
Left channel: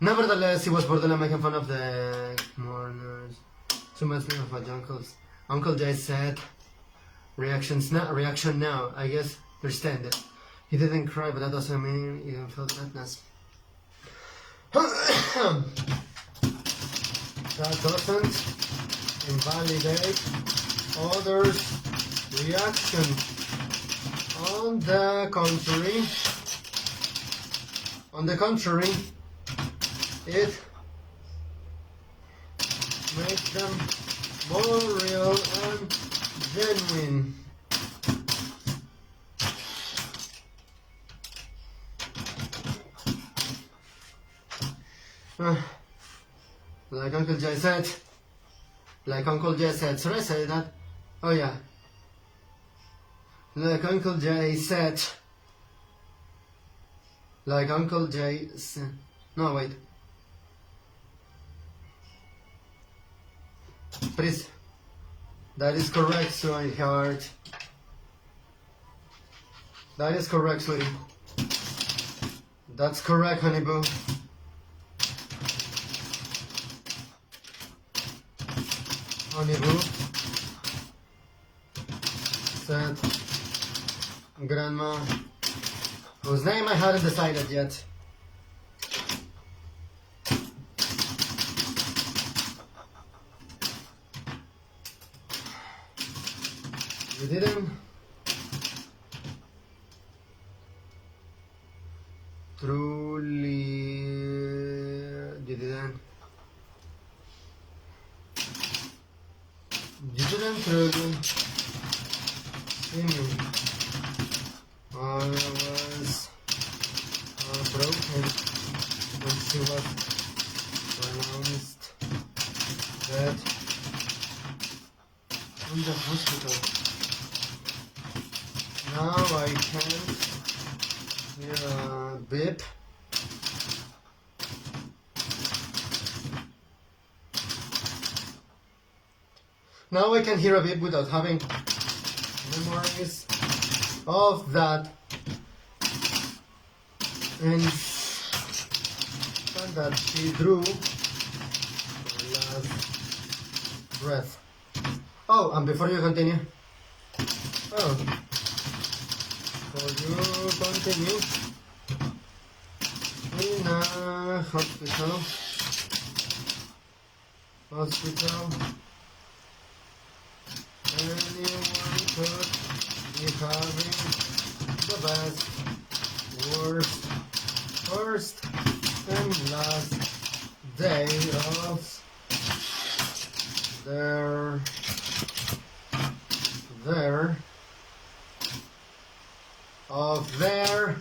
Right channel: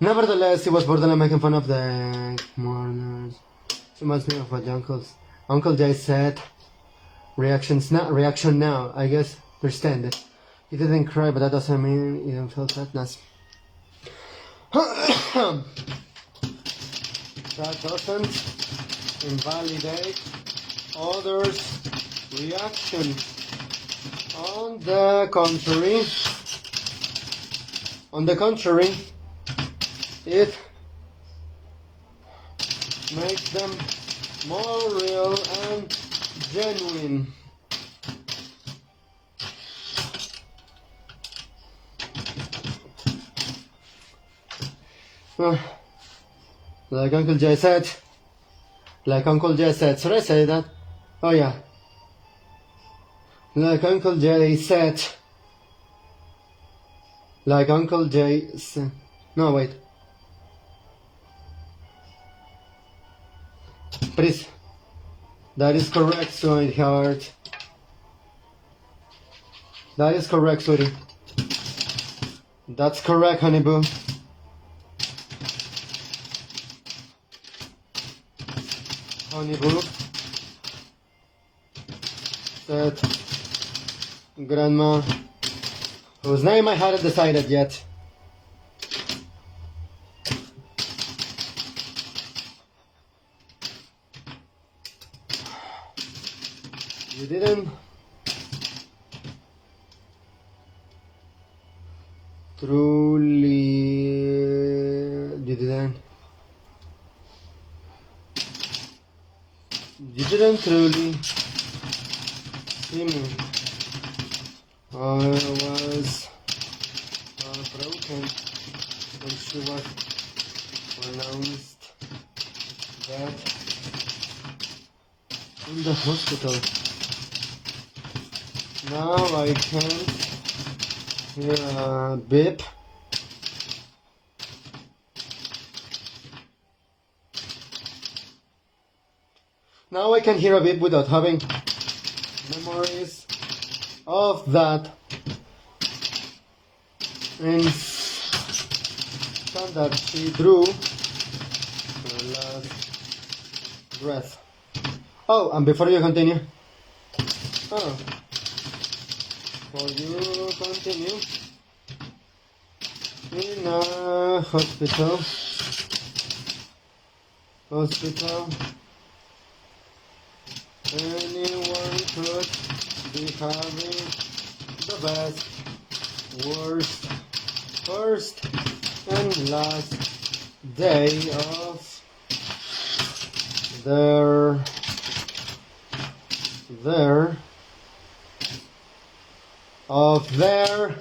Nevertheless, he was borderline making fun of the mourners. It reminds me of what Uncle Jay said. Reaction now. I guess understand it. He didn't cry, but that doesn't mean he didn't feel sadness. That doesn't invalidate others' reaction. On the contrary, it makes them more real and genuine. Like Uncle Jay said. Should I say that? Oh yeah. Like Uncle Jay said. No, wait. Please. That is correct, sweetheart. That is correct, sweetie. That's correct, honey boo. Honey boo said Grandma, whose name I hadn't decided yet. You didn't truly see me. I was broken and she was pronounced dead in the hospital. Now I can't hear a beep. Now I can hear a beep without having memories of that. And that she drew her last breath. Oh, and before you continue, before you continue, in a hospital, anyone could be having the best, worst, first and last day of their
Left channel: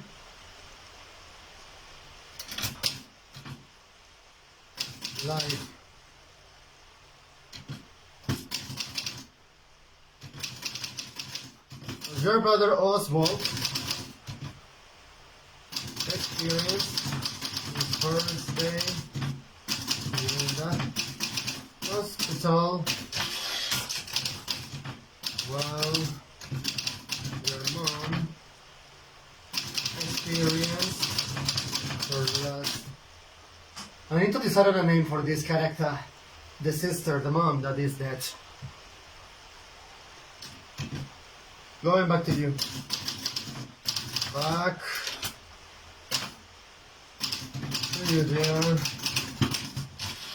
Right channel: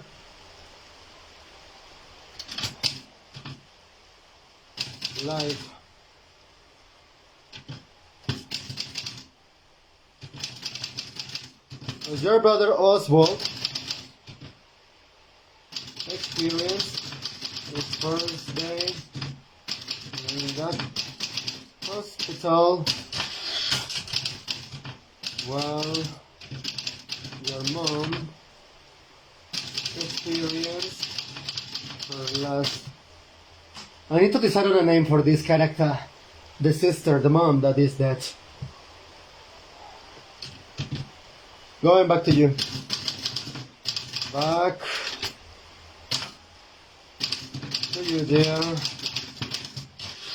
life. Was your brother Oswald experienced his first day in that hospital while your mom experienced her last? I need to decide on a name for this character. The sister, the mom that is dead. Going back to you. Back to you, dear.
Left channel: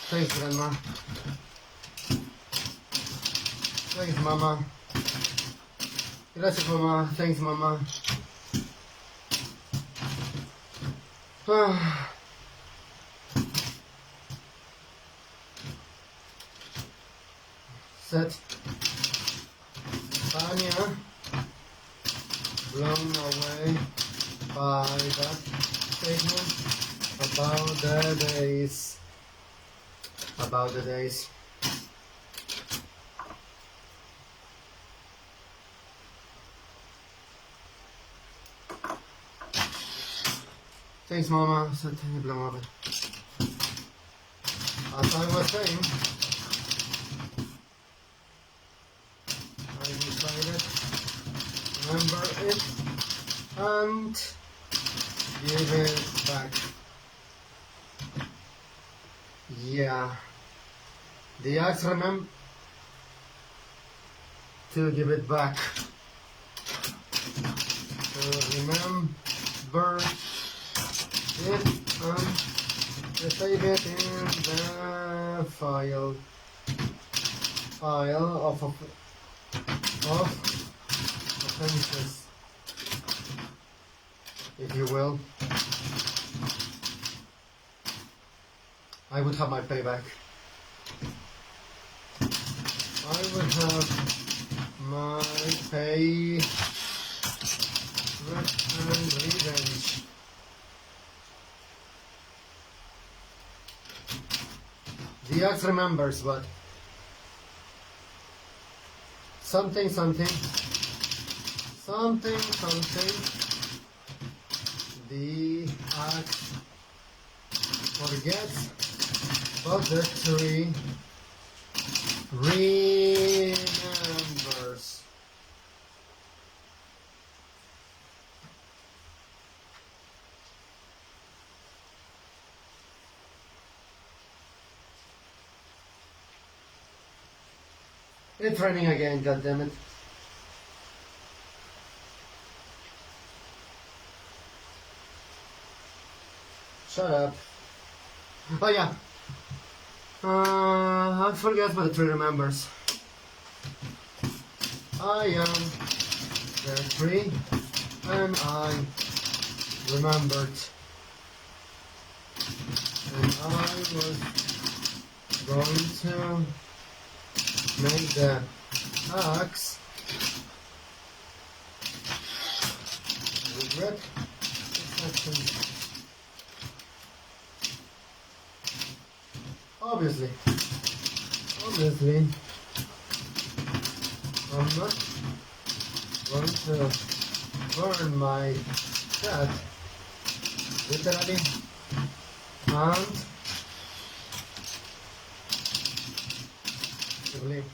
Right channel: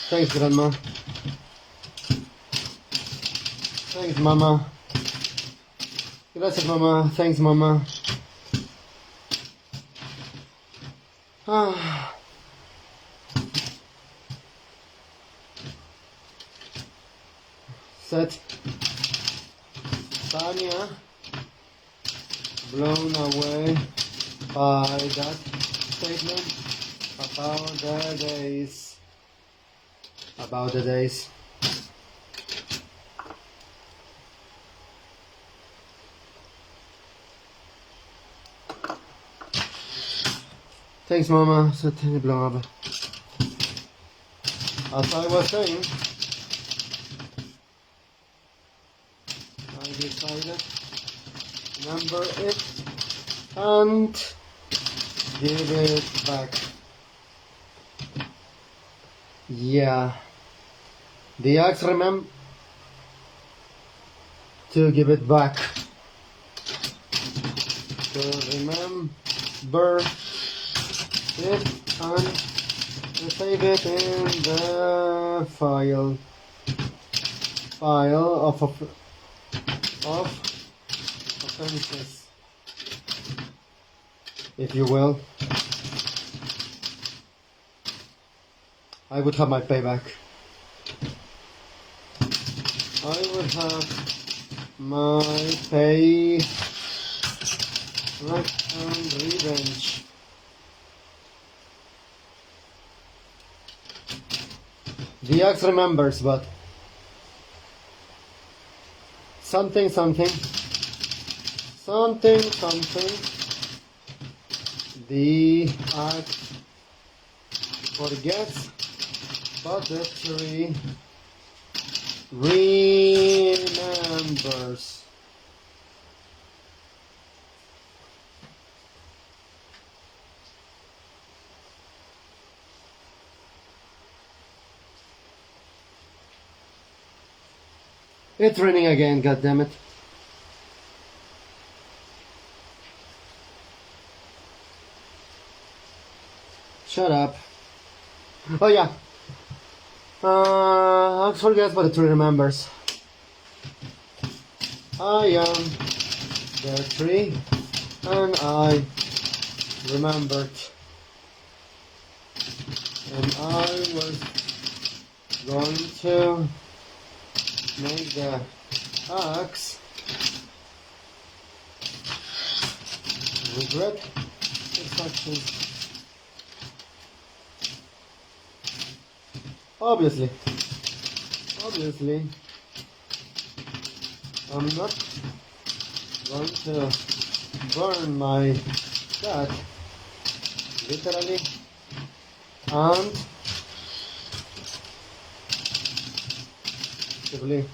Thanks, Grandma. Thanks, Mama. Gracias, Mama. Thanks, Mama. Set. Tanya, blown away by that statement about the days. Thanks, Mama. So Tanya blown away. As I was saying, I decided remember it and give it back. Yeah, the axe remember to give it back. To remember it and to save it in the file of offenses, if you will. I would have my payback. I would have my pay and revenge. The axe remembers, but something, the axe forgets, but the tree remembers. It's raining again, goddammit. Shut up. Oh yeah. I forget what the tree remembers. I am the tree and I remembered. And I was going to make the axe regret its actions. Obviously, I'm not going to burn my cat, literally, and simply.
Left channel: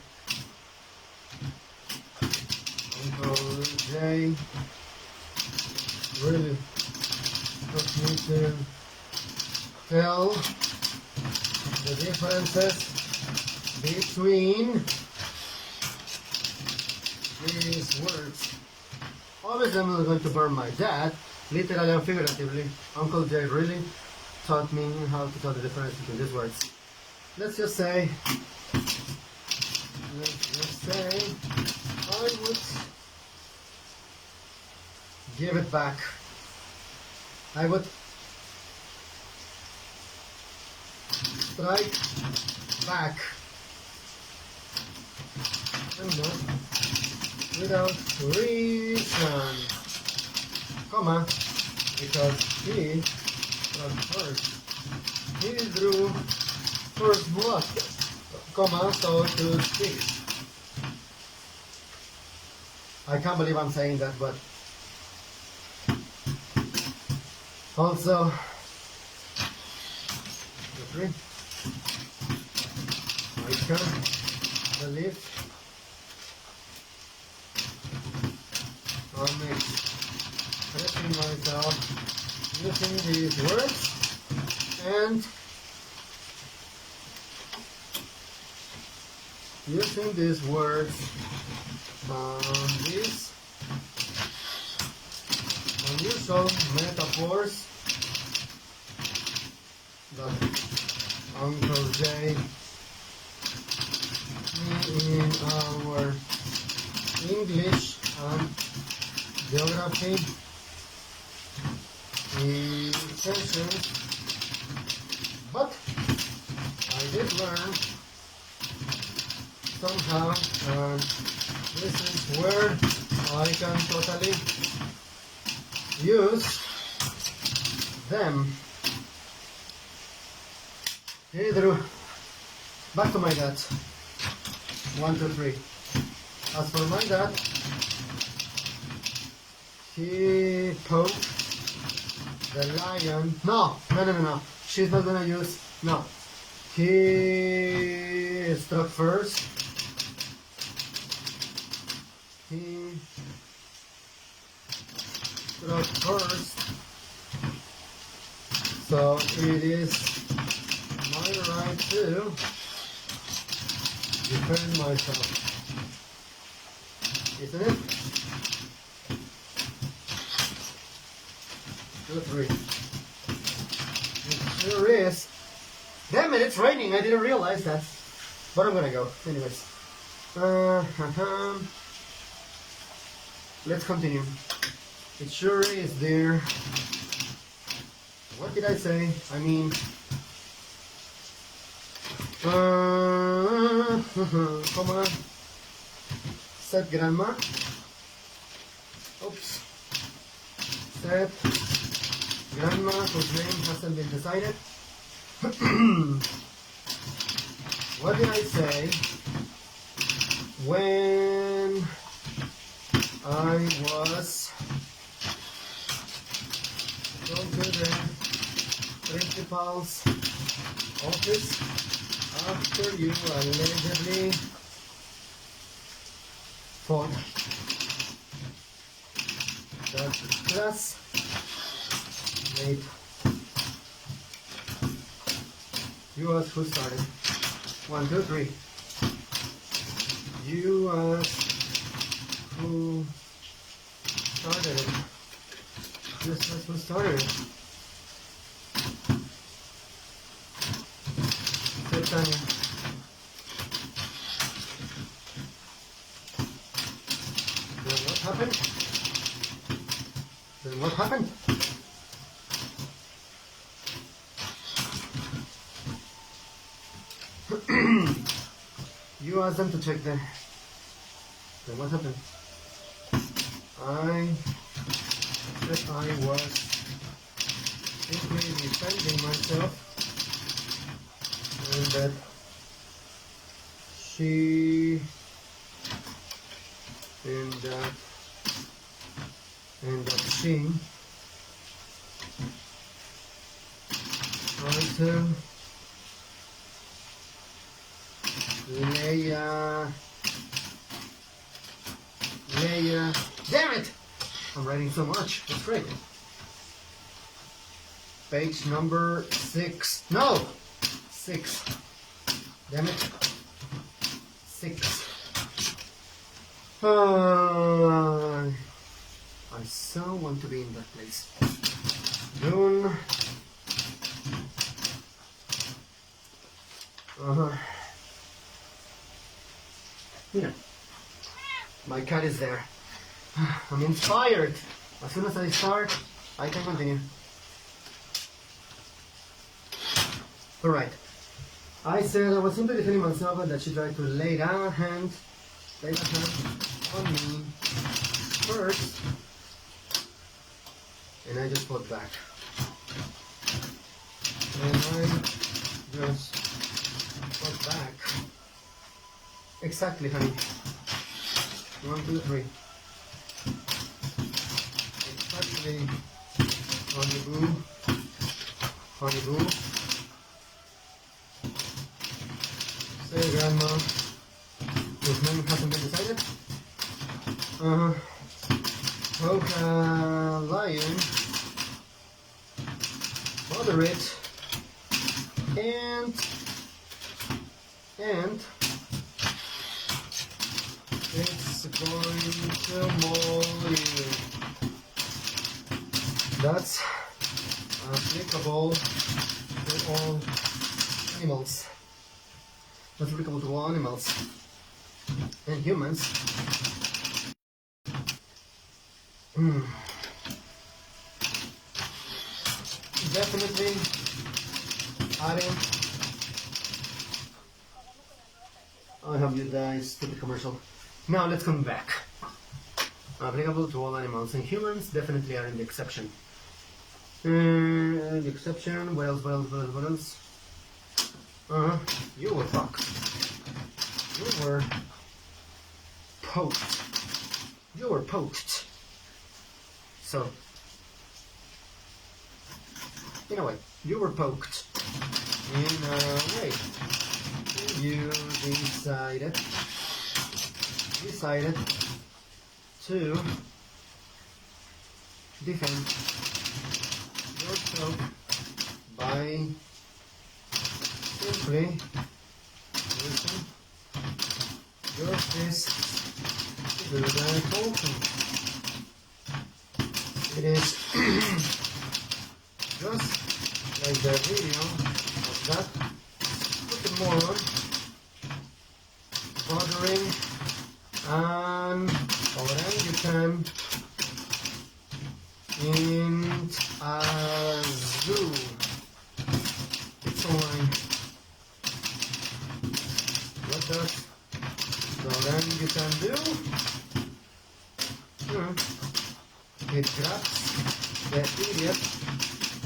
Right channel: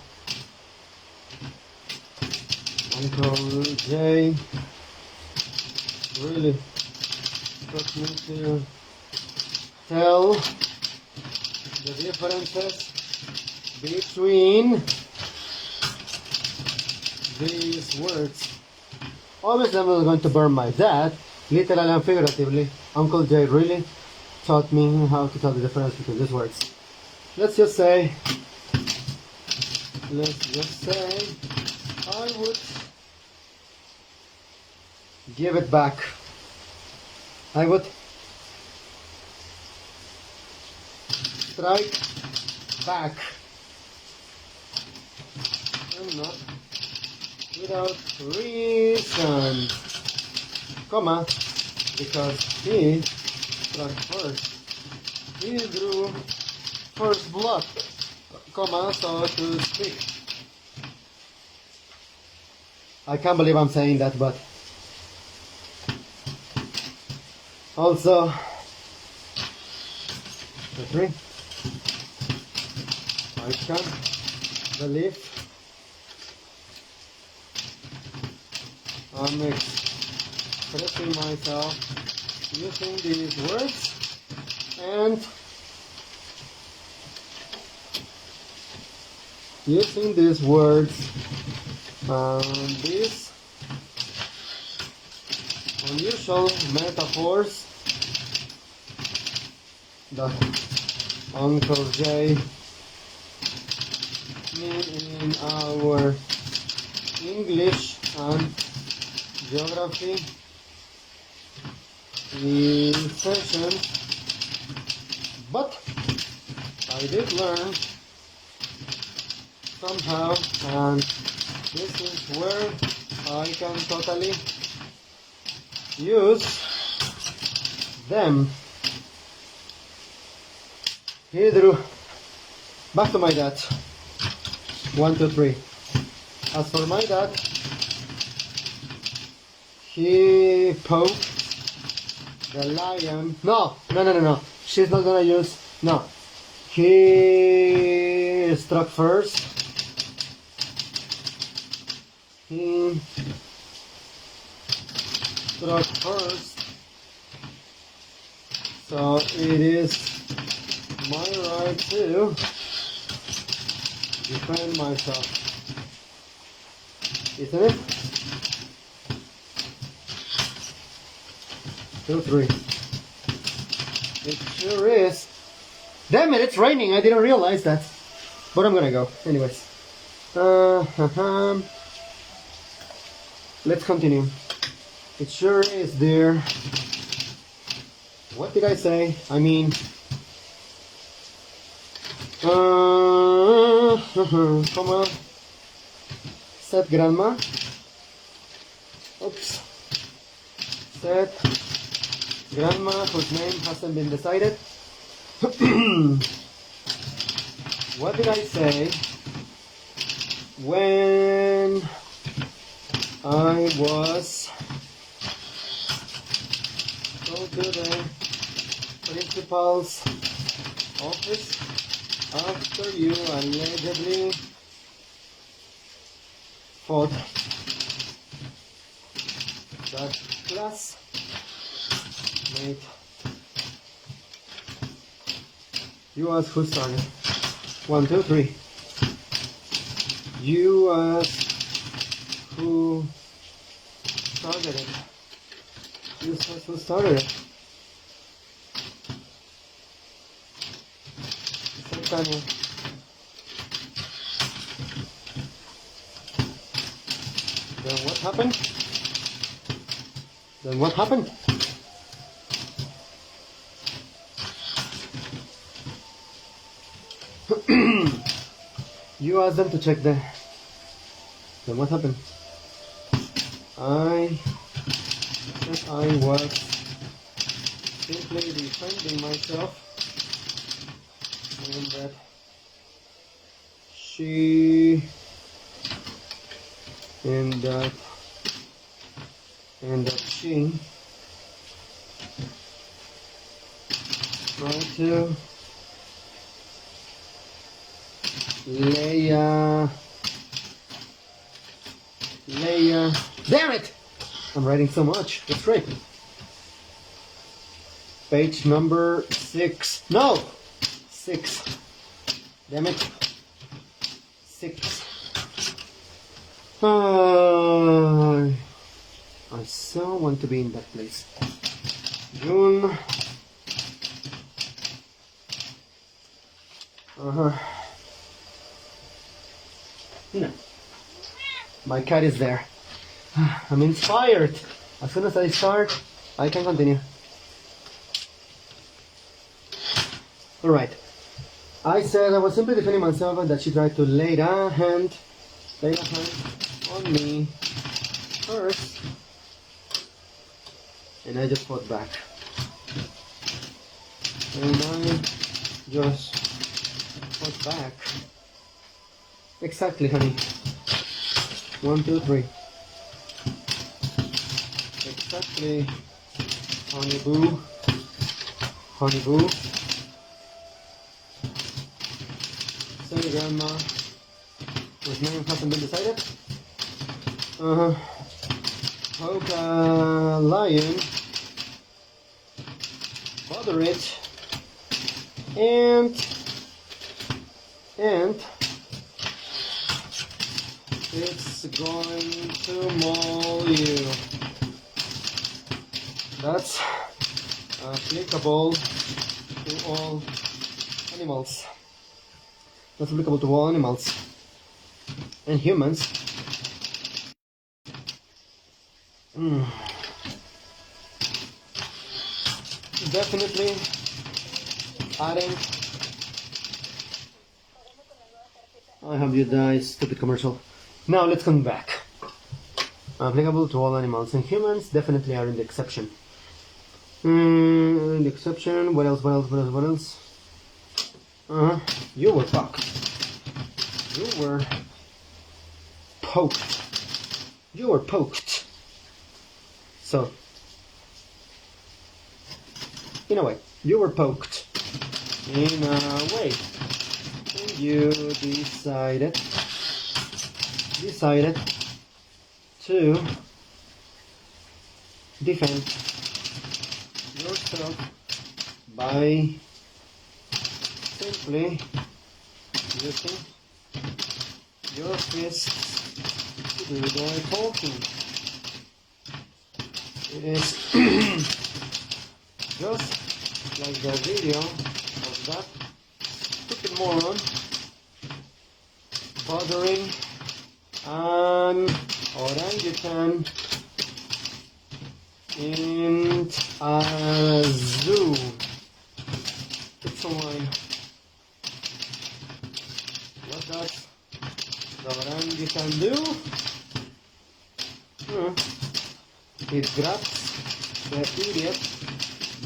Uncle J really put me to tell the differences between these words. Obviously, I'm not going to burn my dad, literally and figuratively. Uncle J really taught me how to tell the difference between these words. Let's just say I would give it back. I would strike back. And not without reason. Comma, because he struck first. He drew first blood. Comma, so to speak. I can't believe I'm saying that, but also the three. I can't believe I'm expressing myself using these words and using these words, these unusual metaphors that Uncle J made in our English and geography session, but I did learn somehow, and this is where I can totally use them. He drew back to my dad. 1, 2, 3. As for my dad, he poked the lion. No. She's not gonna use. No. He struck first. He struck first. So it is my right to defend myself. Isn't it? 2, 3. It sure is. Damn it, it's raining. I didn't realize that. But I'm gonna go. Anyways. Let's continue. It sure is, dear. What did I say? I mean... come on. Said grandma. Oops. Said grandma, whose name hasn't been decided. What did I say when I was going to the principal's office after you allegedly fought that classmate? You asked who started. 1, 2, 3. You asked who started it. You said who started it. Then what happened? Then what happened? You asked them to check the... Then what happened? I said I was simply defending myself and that she, and that she want to Leia, damn it! I'm writing so much, that's right. Page number 6, no! 6, damn it. 6. I so want to be in that place. June. No. My cat is there. I'm inspired. As soon as I start, I can continue. Alright. I said I was simply defending myself and that she tried to lay a hand on me first. And I just fought back. And I just fought back. Exactly, honey. 1, 2, 3. Exactly. Honey boo. Honey boo. Sorry, Grandma. His name hasn't been decided. Hope lion. Moderate. And it's going to maul you. That's applicable to all animals. That's applicable to all animals and humans. Definitely adding. I hope you die, stupid commercial. Now let's come back. Applicable to all animals and humans definitely are in the exception. The exception. What else? You were fucked. You were poked. You were poked. So, in a way, you were poked. In a way, you decided to defend yourself by simply using your fists to do the poking. It is just like the video of that stupid moron bothering an orangutan in a zoo. It's online. What does the orangutan do? It grabs the idiot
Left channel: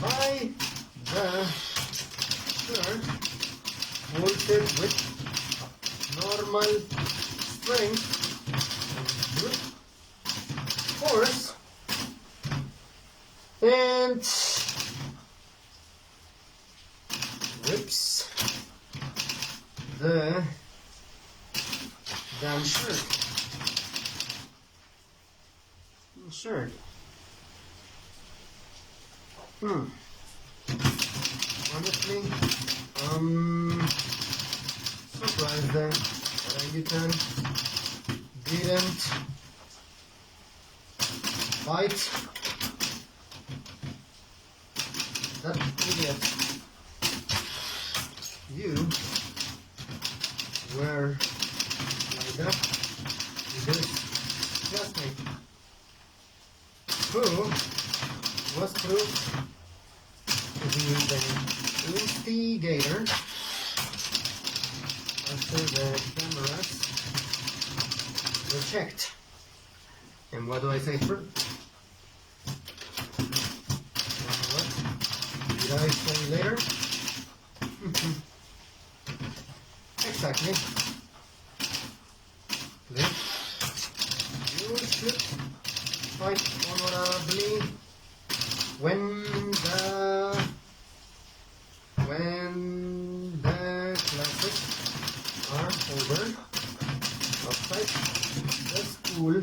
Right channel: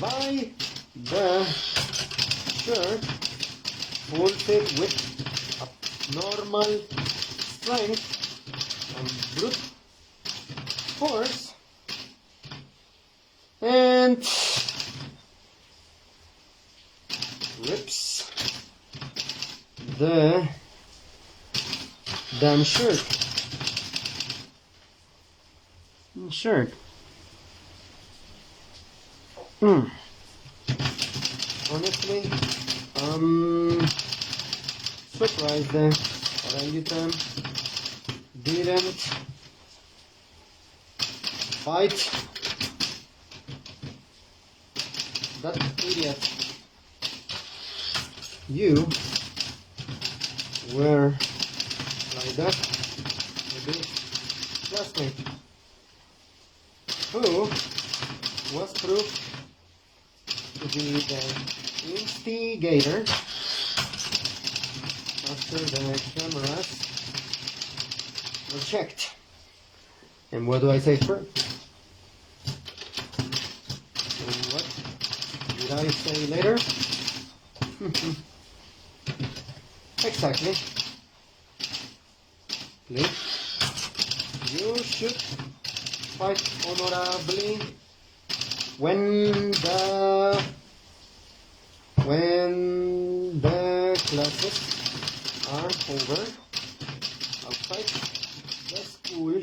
by the shirt, pulls it with normal strength and brute force, and rips the damn shirt. Honestly, surprised the orangutan didn't fight that idiot. You were like that with this classmate who was proved to be the instigator after the cameras were checked. And what do I say first? And what did I say later? Exactly. Please. You should fight honorably when the classes are over outside the school,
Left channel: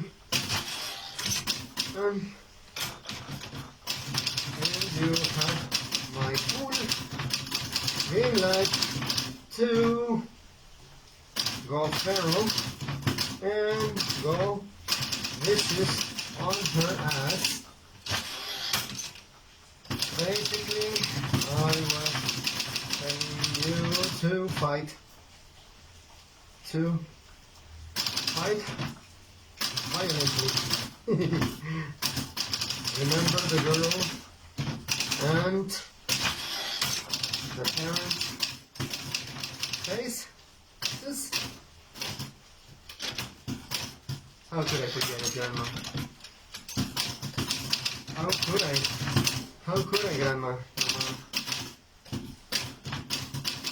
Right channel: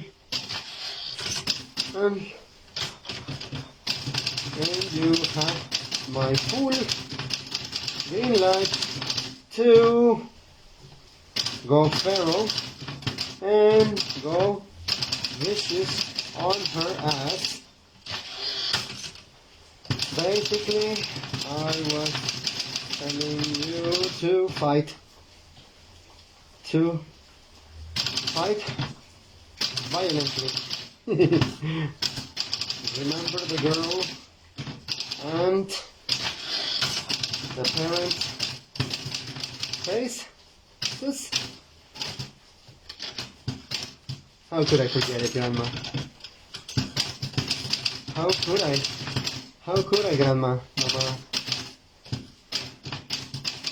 and you have my full green light to go feral and go vicious on her ass. Basically, I was telling you to fight violently. Remember the girl and the parent face? This? How could I forget it, Grandma? How could I? How could I, Grandma? Mama?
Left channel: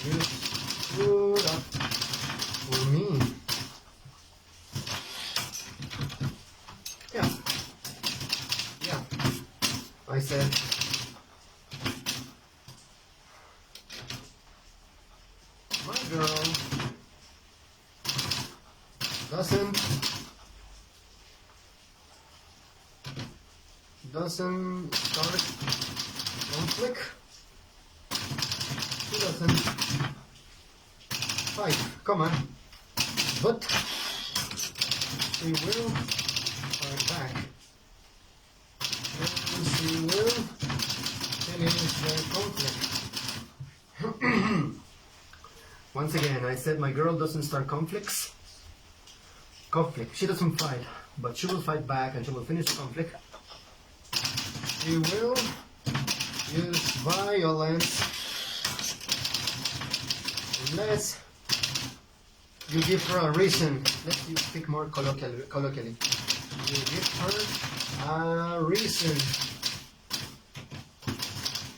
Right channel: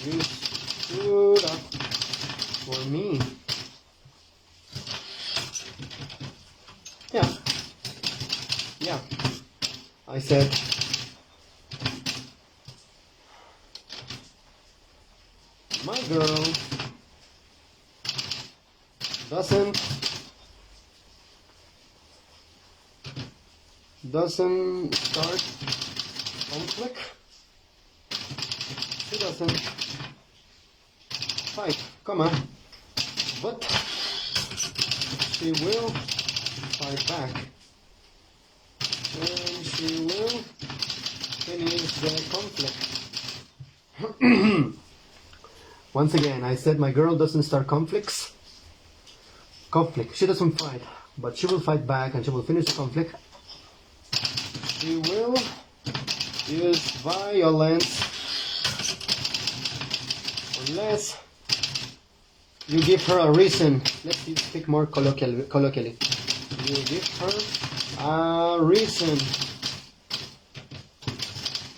You stood up for me. Yeah. Yeah. I said, my girl doesn't start conflict. She doesn't fight. Come on. But she will fight back. And she will finish the conflict. Once again, I said my girl doesn't start conflicts. Conflict. She doesn't fight, but she will fight back and she will finish the conflict. She will use violence unless you give her a reason. Let's speak more colloquially. You give her a reason.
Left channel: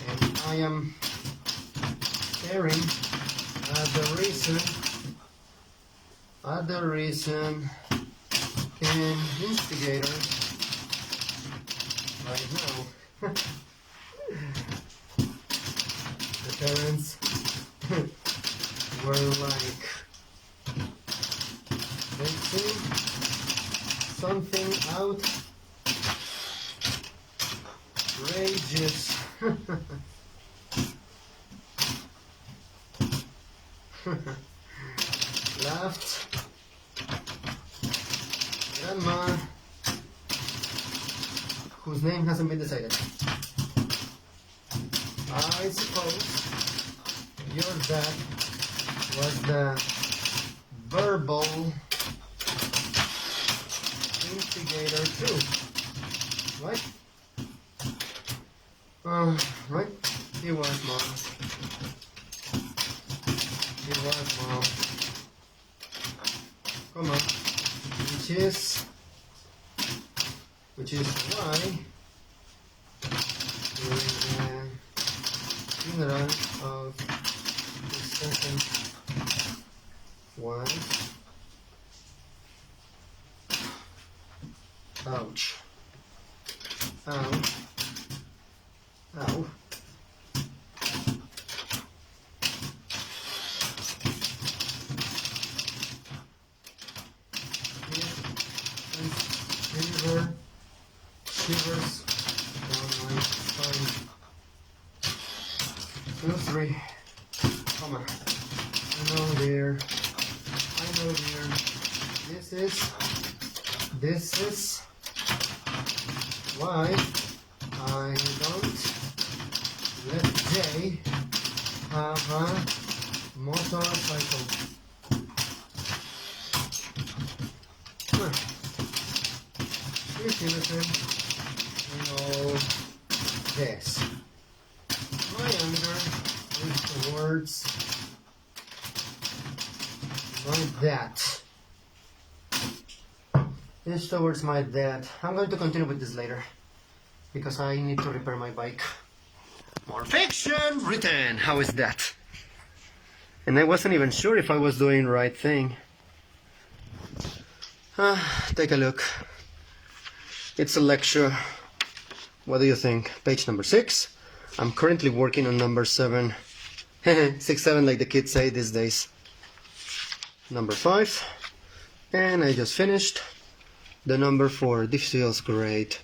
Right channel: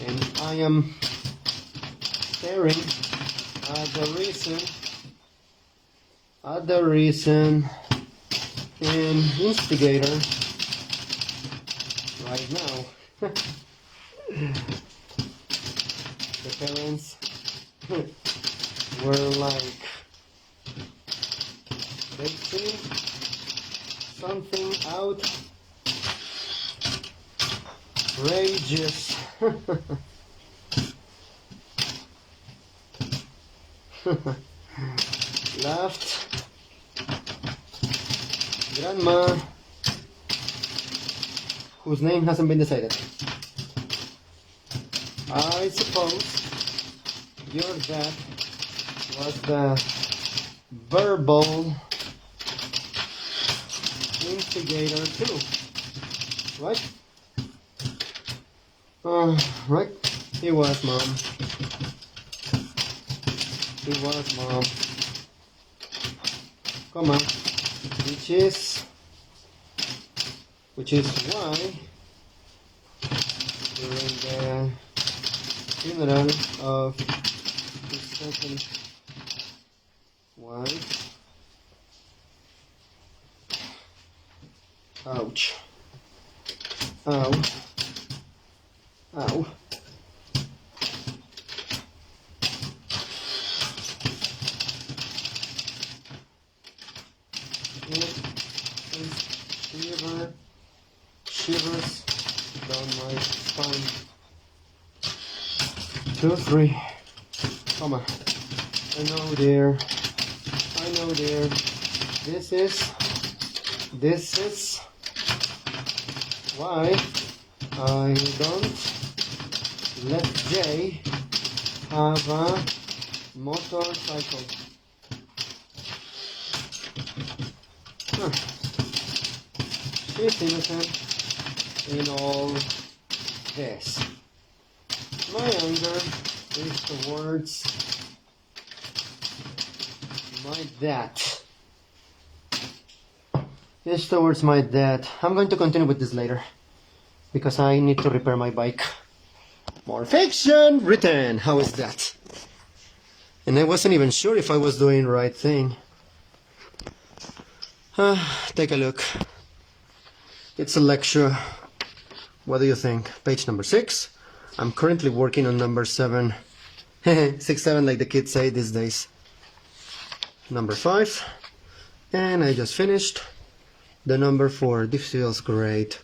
And I am staring at the reason and instigator right now. The parents were like, let's see something outrageous. Laughed. Grandma, whose name hasn't been decided. I suppose your dad was the verbal instigator too, right? Right? He was, Mom. He was, Mom. Come on. Which is why during the funeral of his second wife, ouch, ow, ow, shivers down my spine. 2, 3. Come on. I know, dear. This is why I don't let Jay have a motorcycle. She's innocent in all this. My anger is towards my dad. It's towards my dad. I'm going to continue with this later because I need to repair my bike. More fiction written. How is that? And I wasn't even sure if I was doing the right thing. Take a look. It's a lecture. What do you think? Page number 6. I'm currently working on number 7. 6, 7 like the kids say these days. Number 5. And I just finished the number 4. This feels great.